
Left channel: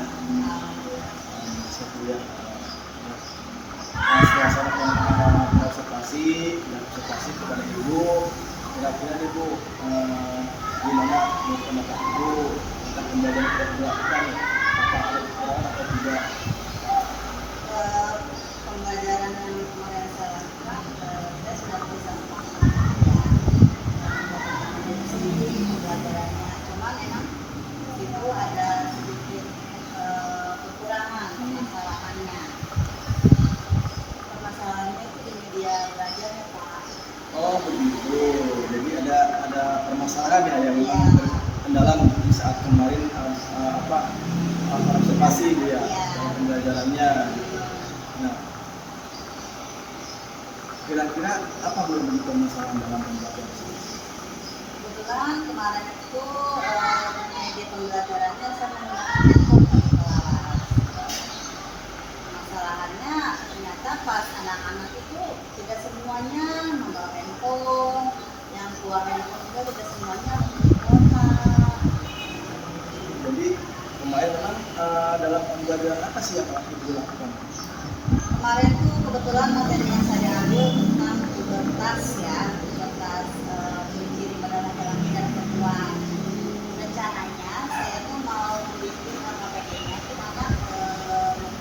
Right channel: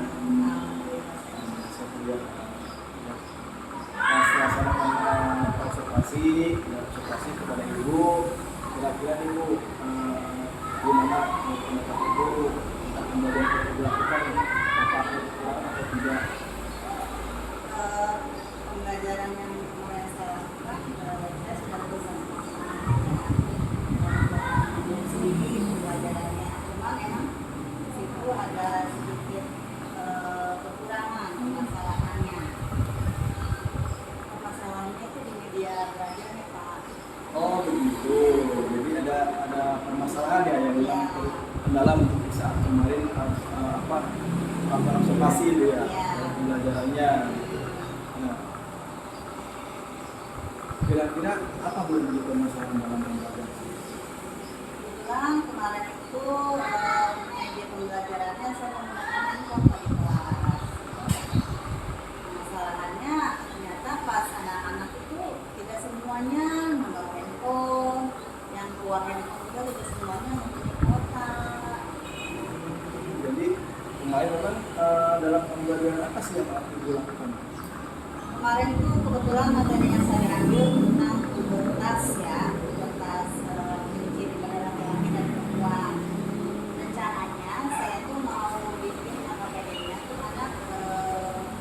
Satu ya. Suasana observasi dan observasi kepada Ibu. Kira-kira Ibu gimana menurut pendapat Ibu tentang pembelajaran yang telah dilakukan? Apa ada kekurangan atau tidak? Pembelajaran yang kemarin saya lakukan, saya sudah bisa sedikit pembelajarannya, cuma memang di situ ada sedikit kekurangan permasalahannya. Permasalahannya itu di media belajar ya Pak. Oh begitu. Jadi ada permasalahan ya yang Iya. kendala mungkin di saat kemarin observasi gitu ya, Iya. pembelajarannya. Nah, kira-kira apa belum menjadi permasalahan dalam pembelajaran? Kebetulan kemarin itu media pembelajarannya saya menggunakan handphone di kelas. Masalahnya ternyata pas anak-anak itu tidak semuanya membawa handphone, yang keluar handphone juga tidak semuanya memiliki kuota. Jadi kemarin memang dalam pembelajaran apa sih yang Ibu lakukan? Kemarin tuh kebetulan materi yang saya ambil tentang pubertas ya, pubertas ciri pada laki-laki dan perempuan. Rencananya saya tuh mau bikin KKPN-nya tuh anak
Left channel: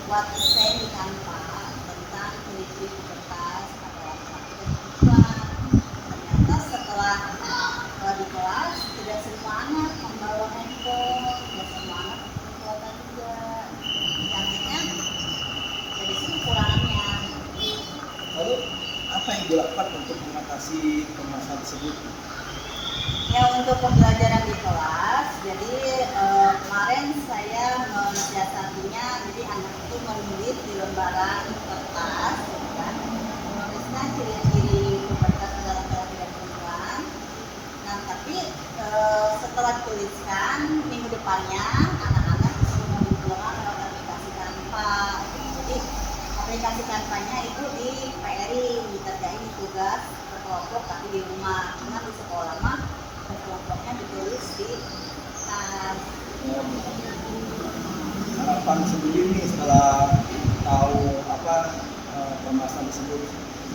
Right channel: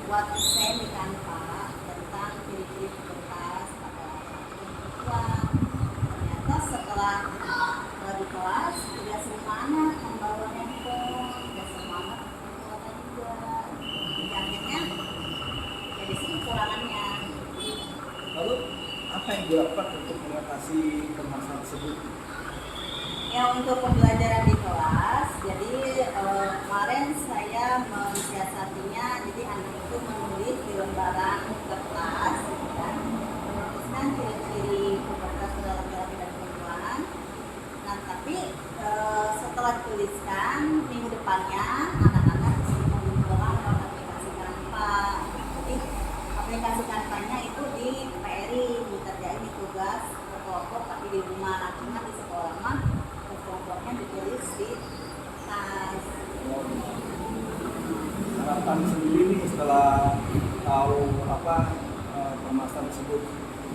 buat desain di Canva tentang ciri-ciri pubertas pada laki-laki dan perempuan. Ternyata setelah di kelas tidak semua anak membawa handphone, tidak semua anak membawa juga. Akhirnya jadi kekurangannya. Lalu apa yang dilakukan untuk mengatasi permasalahan tersebut? Ya untuk pembelajaran di kelas, jadi kemarin saya mensiasatinya, jadi anak itu menulis di lembaran kertas, gitu kan, menuliskan ciri-ciri pubertas pada laki-laki dan perempuan. Nah tapi setelah dituliskan minggu depannya anak-anak bisa mengumpulkan lewat aplikasi Canva. Jadi aplikasi Canva-nya itu di PR-in, dikerjain di tugas berkelompok tapi di rumah. Cuma di sekolah mah berkelompoknya ditulis di tas. Harapan sendiri nih setelah tahu permasalahan tersebut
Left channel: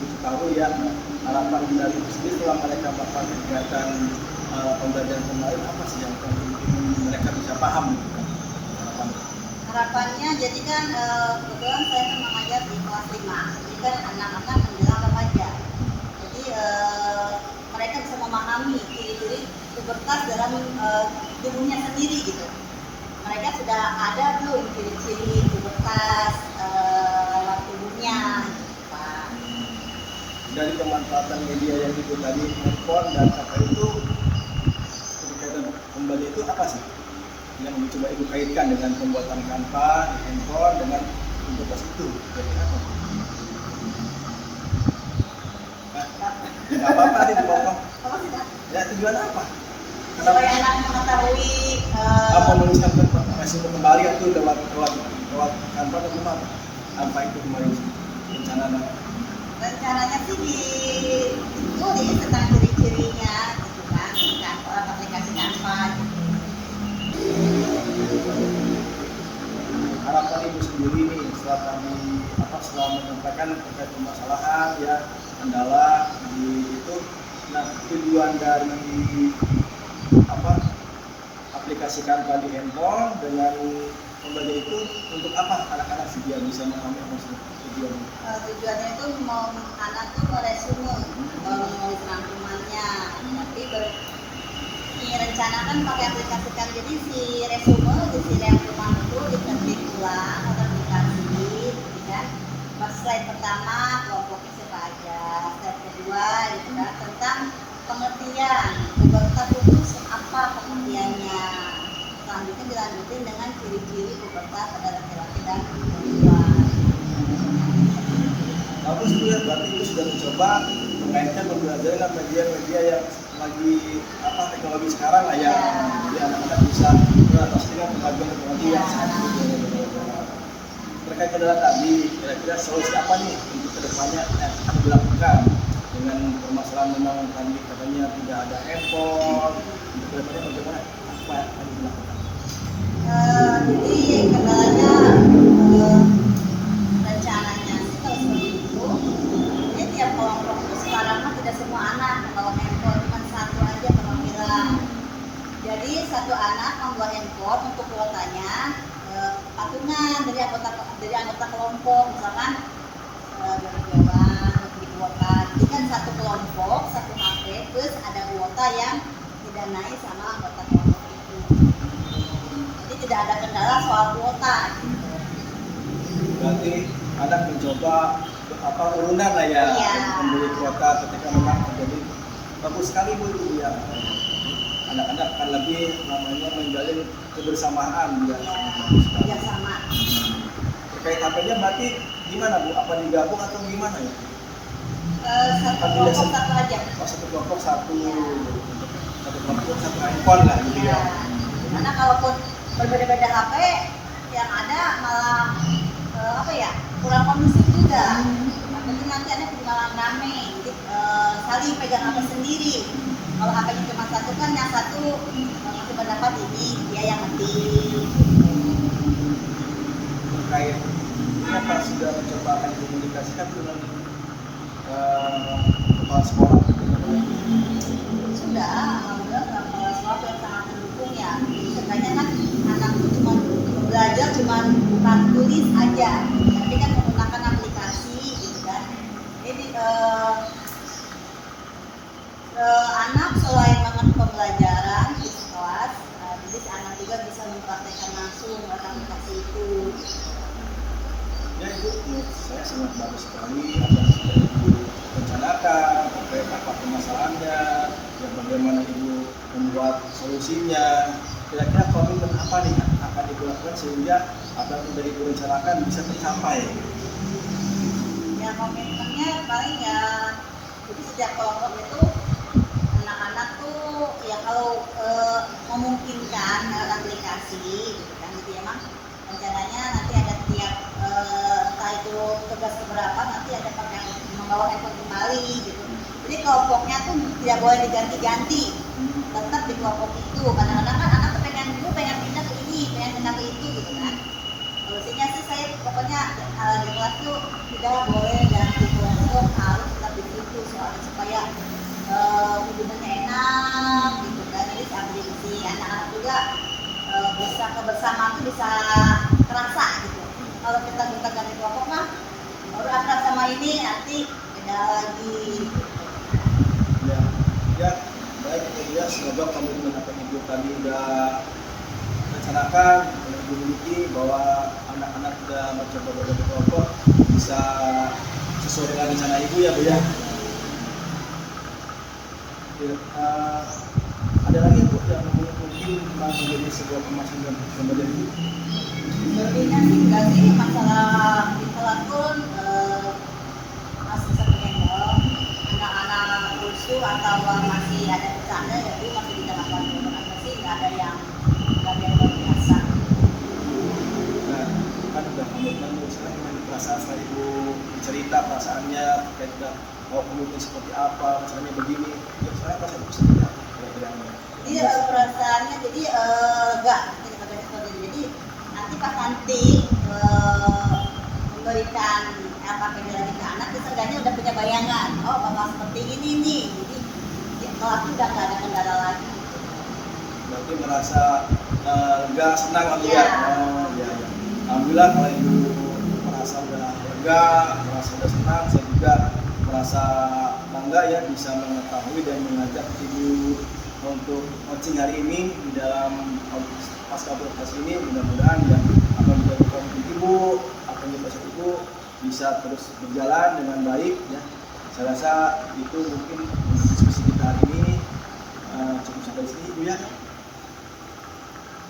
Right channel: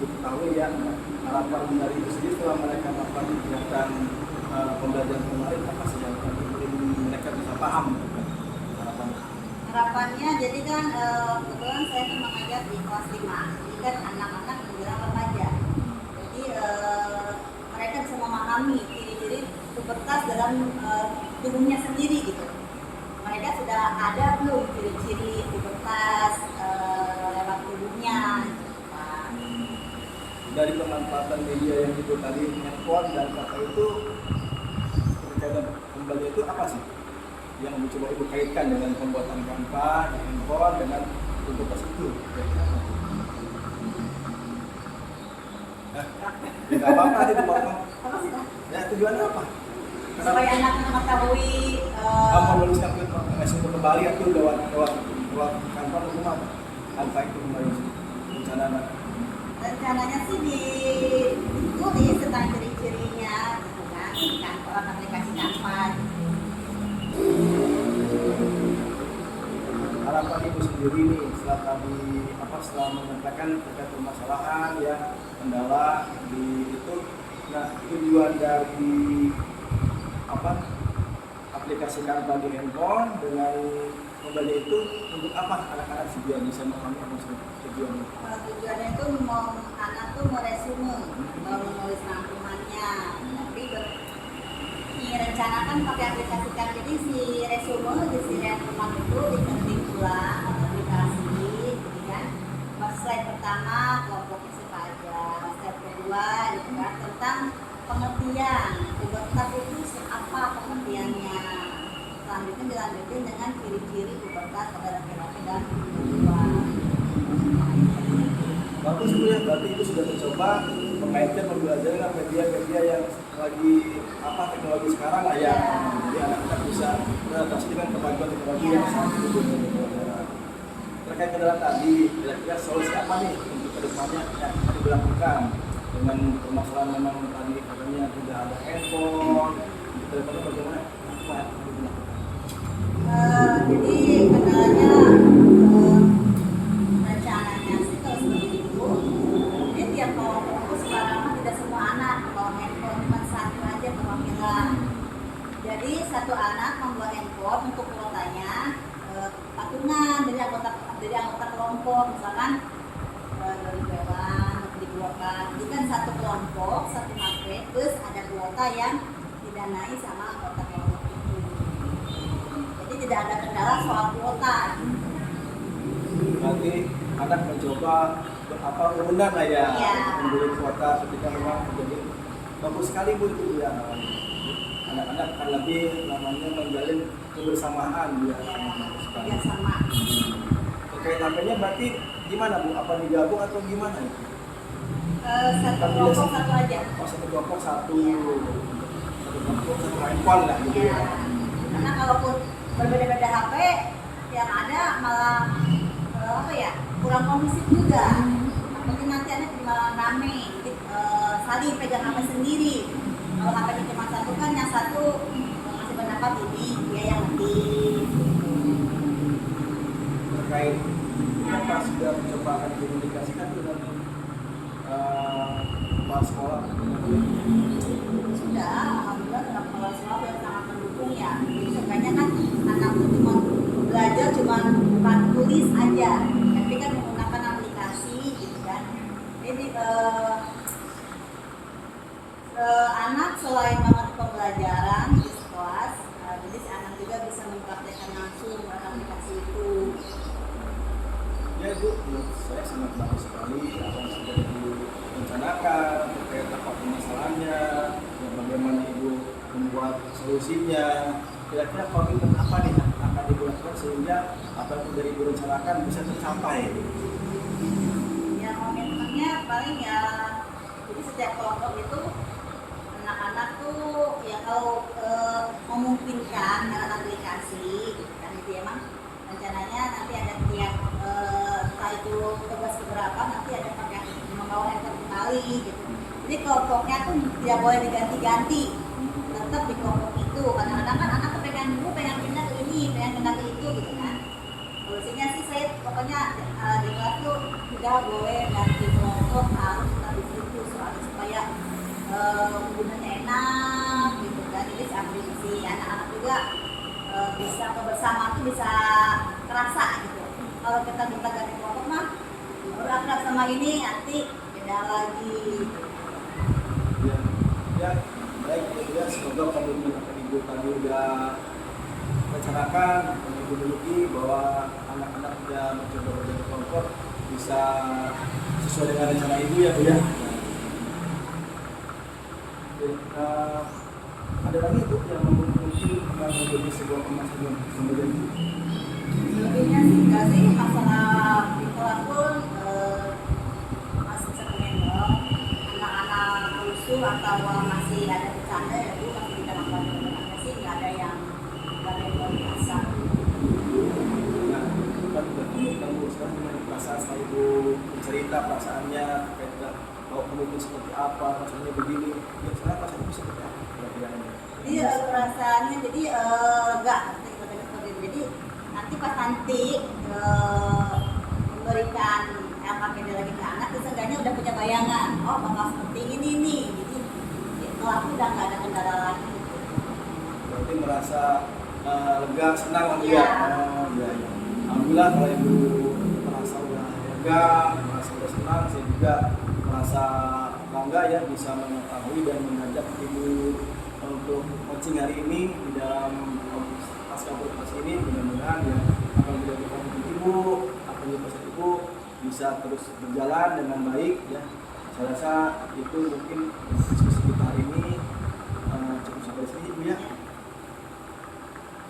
diketahui ya, harapan dari Ibu sendiri setelah mereka melakukan kegiatan pembelajaran kemarin apa sih yang mungkin mereka bisa paham? Harapannya jadi kan kebetulan saya kan mengajar di kelas 5, jadi kan anak-anak menjelang remaja. Jadi mereka bisa memahami ciri-ciri pubertas dalam tubuhnya sendiri gitu. Mereka sudah ada belum ciri-ciri pubertas dalam tubuhnya gitu, Pak. Dari pemanfaatan media yang itu tadi, handphone dan apa itu, kegiatan pembelajaran itu apa sih yang mencoba Ibu kaitkan dengan pembuatan Canva, handphone dengan pubertas itu? Nggak apa-apa itu ngomong. Apa sih, Pak? Ya tujuan apa? Supaya anak mengetahui Menuliskan masih kembali itu lewat Canva atau gimana? Canva itu kemarin rencananya. rencananya sih ditulis tentang ciri-cirinya gitu kan, orang aplikasi Canva gitu. Harapan Ibu sendiri nih setelah tadi setelah menyampaikan terkait permasalahan ya, kendala di itu. Nah, tujuan dari aplikasikan tadi handphone dengan pembelajaran itu untuk apa anak-anak sih biar bisa memahami maksud tujuannya? Tujuannya itu mau anak tuh meresume, menulis rangkumannya, tapi direncanakan pakai aplikasikan. Jadi si resume, si rangkuman itu diketik ulang atau aplikasi, gitu kan. Pas slide pertama kelompoknya siapa aja, slide kedua gitu kan tentang pengertian pubertas itu apa pengertiannya. Selanjutnya dilanjutin dengan ciri-ciri pubertas pada laki-laki dan perempuan. Bagus tuh ya, berarti itu sudah mencoba mengaitkan pembelajaran dengan media-media yang lagi teknologi sekarang lah ya. Jadi anak-anak bisa beradaptasi dengan teknologi yang saat ini. Terkait kendala tadi, kira-kira solusi apa nih untuk kedepannya yang akan dilakukan dengan permasalahan memang tadi katanya tidak ada handphone, kedepannya bagaimana apa yang akan dilakukan? Jadi kendalanya rencananya sih kalau seperti itu. Jadi tiap kelompok itu sekarang kan tidak semua anak membawa handphone, cuma satu aja perwakilan. Jadi satu anak membawa handphone untuk kuotanya patungan dari anggota kelompok, misalkan dari dewan dikuotkan. Jadi kan satu kelompok satu HP plus ada kuota yang didanai sama anggota kelompok itu. Jadi tidak ada kendala soal kuota. Berarti anak mencoba urunan lah ya, Iya. membeli kuota ketika memang terjadi. Bagus sekali Bu itu ya. Anak-anak akan lebih namanya menjalin kebersamaan dia. Ya sama. Terkait HP-nya berarti gimana Bu? Apa digabung atau gimana ya? Satu kelompok satu aja. Oh, satu kelompok satu handphone lah gitu ya. Karena kalaupun berbeda-beda HP, yang ada malah kurang kondusif juga. Mungkin nanti anak malah rame, jadi saling pegang HP sendiri. Kalau HP-nya cuma satu kan yang satu masih pendapat ini dia yang ngetik. Terkait ini apa sudah mencoba akan dikomunikasikan dengan kepala sekolah? Sudah, alhamdulillah kepala sekolah yang sangat mendukung ya. Sebenarnya kan anak itu cuma belajar cuma bukan tulis aja, tapi kan menggunakan aplikasi gitu kan. Jadi anak selain mengerti pembelajaran di kelas, jadi si anak juga bisa mempraktekkan langsung aplikasi itu. Ya Ibu, menurut saya sangat bagus sekali apa yang sudah Ibu rencanakan terkait apa permasalahannya dan bagaimana Ibu membuat solusinya. Kira-kira komitmen apa nih yang akan Ibu lakukan sehingga apa yang sudah Ibu rencanakan bisa tercapai? Ya komitmennya paling ya, jadi setiap kelompok itu anak-anak tuh ya kalau memungkinkan lewat aplikasi gitu kan, jadi emang rencananya nanti ada tiap entah itu tugas keberapa nanti ada pakai membawa handphone kembali gitu. Jadi kelompoknya tuh tidak boleh diganti-ganti, tetap di kelompok itu. Kadang-kadang kan anak tuh pengen pindah ke ini, pengen pindah ke itu gitu kan. Solusinya sih saya pokoknya di kelas tuh tidak boleh ganti kelompok, harus tetap di situ soalnya supaya hubungannya enak gitu kan. Jadi sambil si anak-anak juga bisa kebersamaan itu bisa terasa gitu. Kalau kita minta ganti kelompok mah baru akrab sama ini nanti beda lagi. Ya, baik ya, semoga komitmen apa Ibu tadi udah rencanakan dan Ibu miliki bahwa anak-anak sudah mencoba berbagai kelompok bisa sesuai dengan rencana Ibu ya Bu ya. Ada lagi Bu yang mungkin masih menjadi sebuah pemasaran pembelajaran Ibu? Selebihnya sih enggak sih, masalah di kelas pun masih sering anak-anak rusuh atau masih ada bercanda, jadi masih kita lakukan pembelajaran sih nggak ada yang luar biasa. Nah, kan udah komitmen Bu, sekarang dengan perasaan setelah Ibu cerita perasaannya, kayak mau komitmen seperti apa, misalnya begini, ya sekarang perasaan Ibu seperti apa? Jadi perasaannya jadi lega, jadi nanti pas nanti memberikan LKPD lagi ke anak, seenggaknya udah punya bayangan bayangan, oh bakal seperti ini nih. Jadi ya, kelas itu udah nggak ada kendala lagi. Berarti merasa lega, senang waktu Iya. ya. Alhamdulillah kalau ibu merasa udah lega, merasa udah senang, saya juga merasa bangga ya bisa mengetahui dan mengajak ibu untuk coaching hari ini di dalam pasca operasi ini. Mudah-mudahan ya apa yang menjadi komitmen ibu, apa yang pasca ibu bisa terus berjalan dengan baik ya. Saya rasa itu mungkin diskusi kita hari ini cukup sampai sini ibu ya.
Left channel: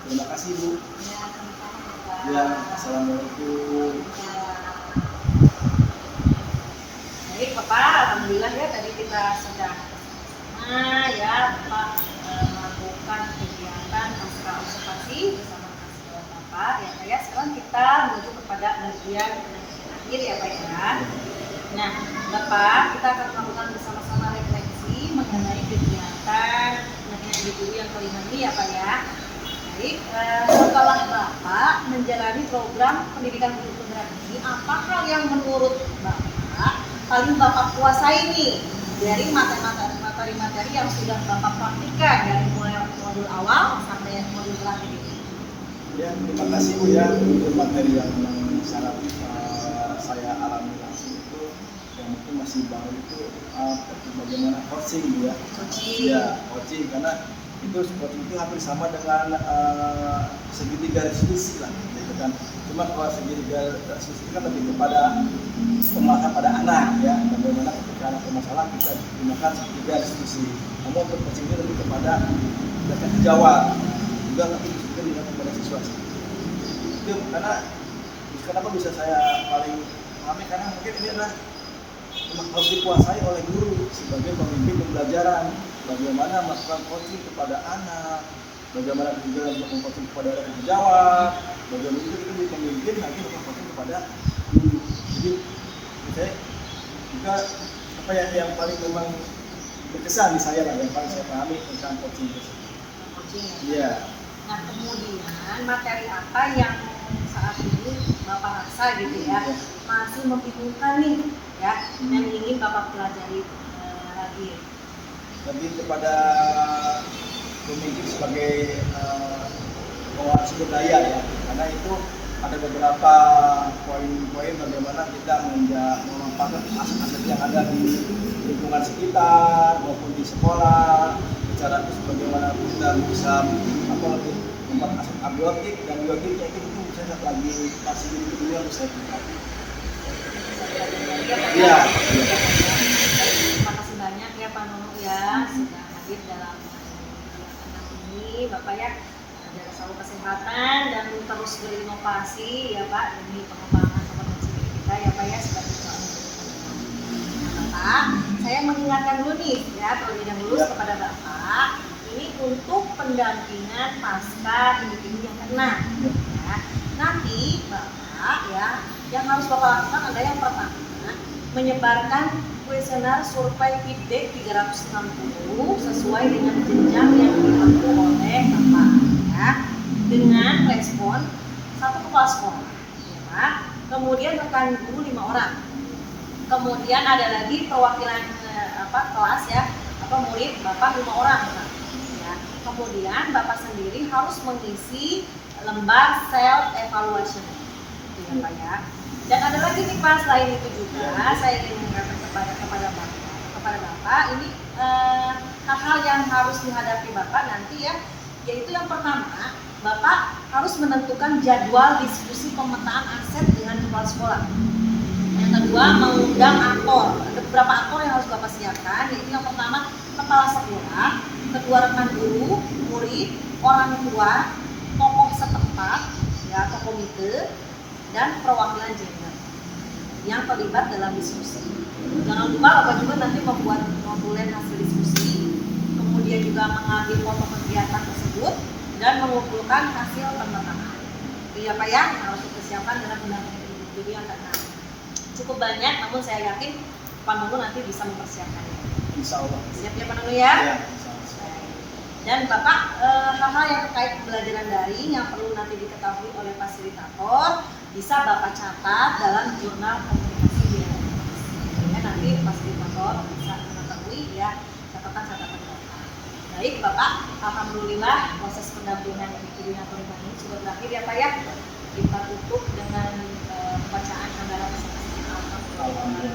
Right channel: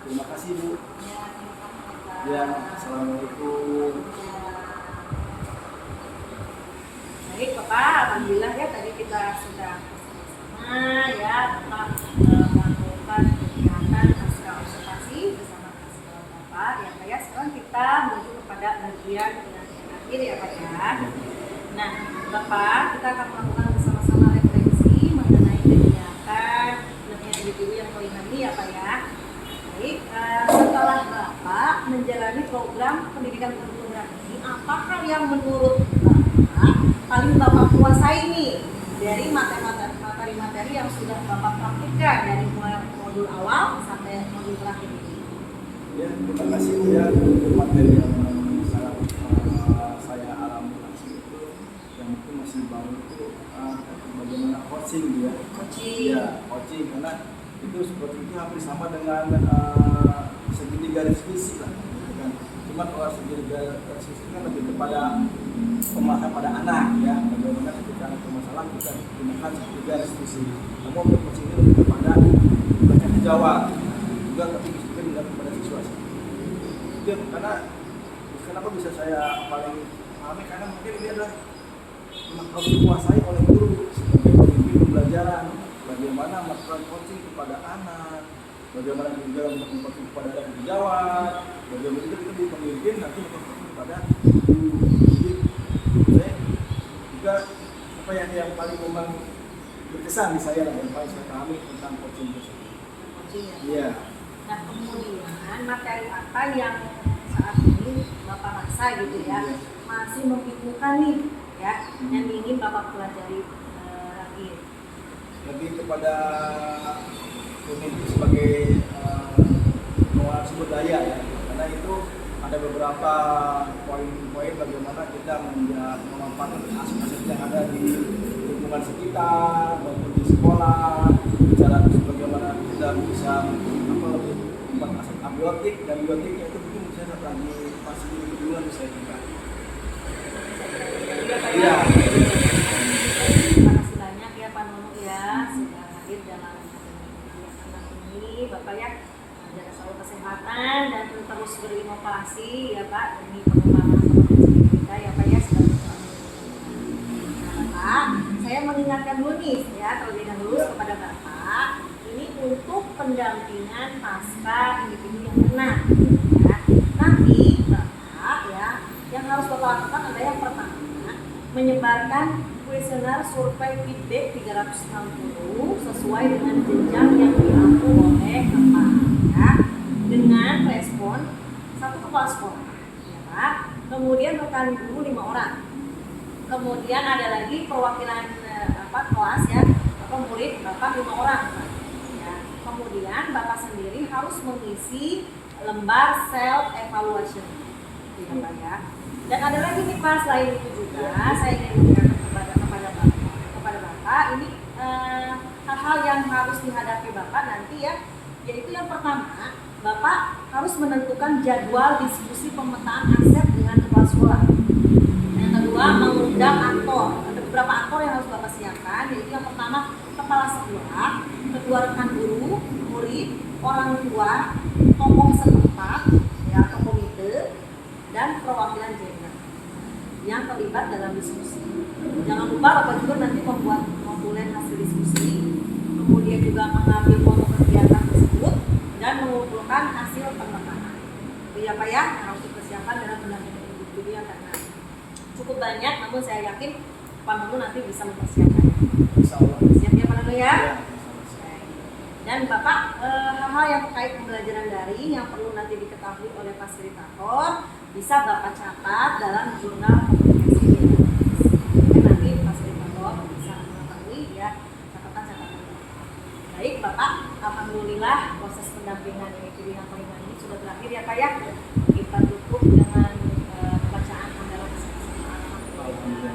Terima kasih Bu. Ya, sama-sama. Ya, assalamualaikum. Ya. Baik Bapak, alhamdulillah ya tadi kita sudah bersama-sama ya Bapak melakukan kegiatan pasca observasi bersama mahasiswa Bapak ya Pak ya. Sekarang kita menuju kepada bagian akhir ya Pak ya. Nah Bapak, kita akan melakukan bersama-sama refleksi mengenai kegiatan guru yang kelima ini ya Pak ya. Baik, setelah Bapak menjalani program pendidikan guru penggerak ini, apa hal yang menurut Bapak paling Bapak kuasai nih dari materi-materi yang sudah Bapak praktikkan dari mulai modul awal sampai modul terakhir ini? Ya, terima kasih Bu ya. Itu materi yang sangat saya alami langsung itu yang mungkin masih baru itu bagaimana coaching Bu ya. Coaching. Ya, coaching karena itu coaching itu hampir sama dengan segitiga diskusi lah gitu kan. Cuma kalau segitiga diskusi itu kan lebih kepada pemahaman pada anak ya, bagaimana ketika anak bermasalah kita gunakan segitiga diskusi. Namun untuk coaching ini lebih kepada bertanya jawab juga tapi juga digunakan kepada siswa. Itu karena kenapa bisa saya paling pahami karena mungkin ini adalah harus dikuasai oleh guru sebagai pemimpin pembelajaran. Bagaimana melakukan coaching kepada anak, bagaimana juga melakukan coaching kepada anak jawab, bagaimana juga itu pemimpin nanti melakukan coaching kepada guru. Jadi, juga apa yang paling memang berkesan di saya lah, yang paling saya pahami tentang coaching tersebut. Coaching ya. Iya. Nah kemudian materi apa yang saat ini Bapak rasa gitu ya masih membingungkan nih ya yang ingin Bapak pelajari lagi? Lebih kepada pemimpin sebagai pengelola sumber daya ya, karena itu ada beberapa poin-poin bagaimana kita memanfaatkan aset-aset yang ada di lingkungan sekitar maupun di sekolah, bicara bagaimana kita bisa lebih membuat aset abiotik dan biotiknya itu mungkin saya lagi kasih dulu yang bisa kita. Iya. Terima kasih banyak ya Pak Nunu ya sudah hadir dalam kegiatan ini Bapak ya, jaga selalu kesehatan dan terus berinovasi ya Pak demi pengembangan kompetensi kita ya Pak ya sebagai seorang pendidikan. Nah Bapak, saya mengingatkan dulu nih ya terlebih dahulu kepada Bapak ini untuk pendampingan pasca individu yang kena ya. Nanti Bapak ya yang harus Bapak lakukan adalah yang pertama menyebarkan kuesioner survei feedback 360 sesuai dengan jenjang yang diampu oleh Bapak ya, dengan respon 1 kepala sekolah ya Pak, kemudian rekan guru 5 orang, kemudian ada lagi perwakilan kelas ya murid Bapak 5 orang Pak. Ya. Kemudian Bapak sendiri harus mengisi lembar self evaluation ya Pak ya. Dan ada lagi nih Pak, selain itu juga saya ingin mengingatkan kepada Bapak ini hal-hal yang harus dihadapi Bapak nanti ya, yaitu yang pertama Bapak harus menentukan jadwal diskusi pemetaan aset dengan kepala sekolah. Yang kedua mengundang aktor, ada beberapa aktor yang harus Bapak siapkan, yaitu yang pertama kepala sekolah, kedua rekan guru, murid, orang tua, tokoh setempat ya atau komite, dan perwakilan gender yang terlibat dalam diskusi. Jangan lupa Bapak juga nanti membuat notulen hasil diskusi, kemudian juga mengambil foto kegiatan tersebut dan mengumpulkan hasil pemetaan. Itu ya Pak ya, yang harus dipersiapkan dalam pendampingan individu yang kena. Cukup banyak, namun saya yakin Pak Nunu nanti bisa mempersiapkan. Insya Allah. Siap ya Pak Nunu ya? Ya, Dan Bapak hal-hal yang terkait pembelajaran daring yang perlu nanti diketahui oleh fasilitator bisa Bapak catat dalam jurnal komunikasi di LMS. Nanti fasilitator Bapak, alhamdulillah proses pendampingan ini koordinator ini sudah berakhir ya Pak ya. Kita tutup dengan pembacaan hamdalah alhamdulillah.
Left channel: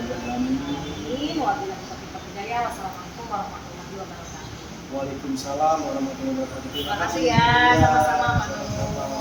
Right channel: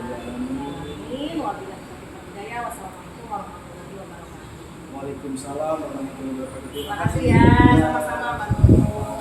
Wabillahi taufiq wal hidayah. Wassalamualaikum warahmatullahi wabarakatuh. Waalaikumsalam warahmatullahi wabarakatuh. Terima kasih ya, sama-sama Pak Nurul.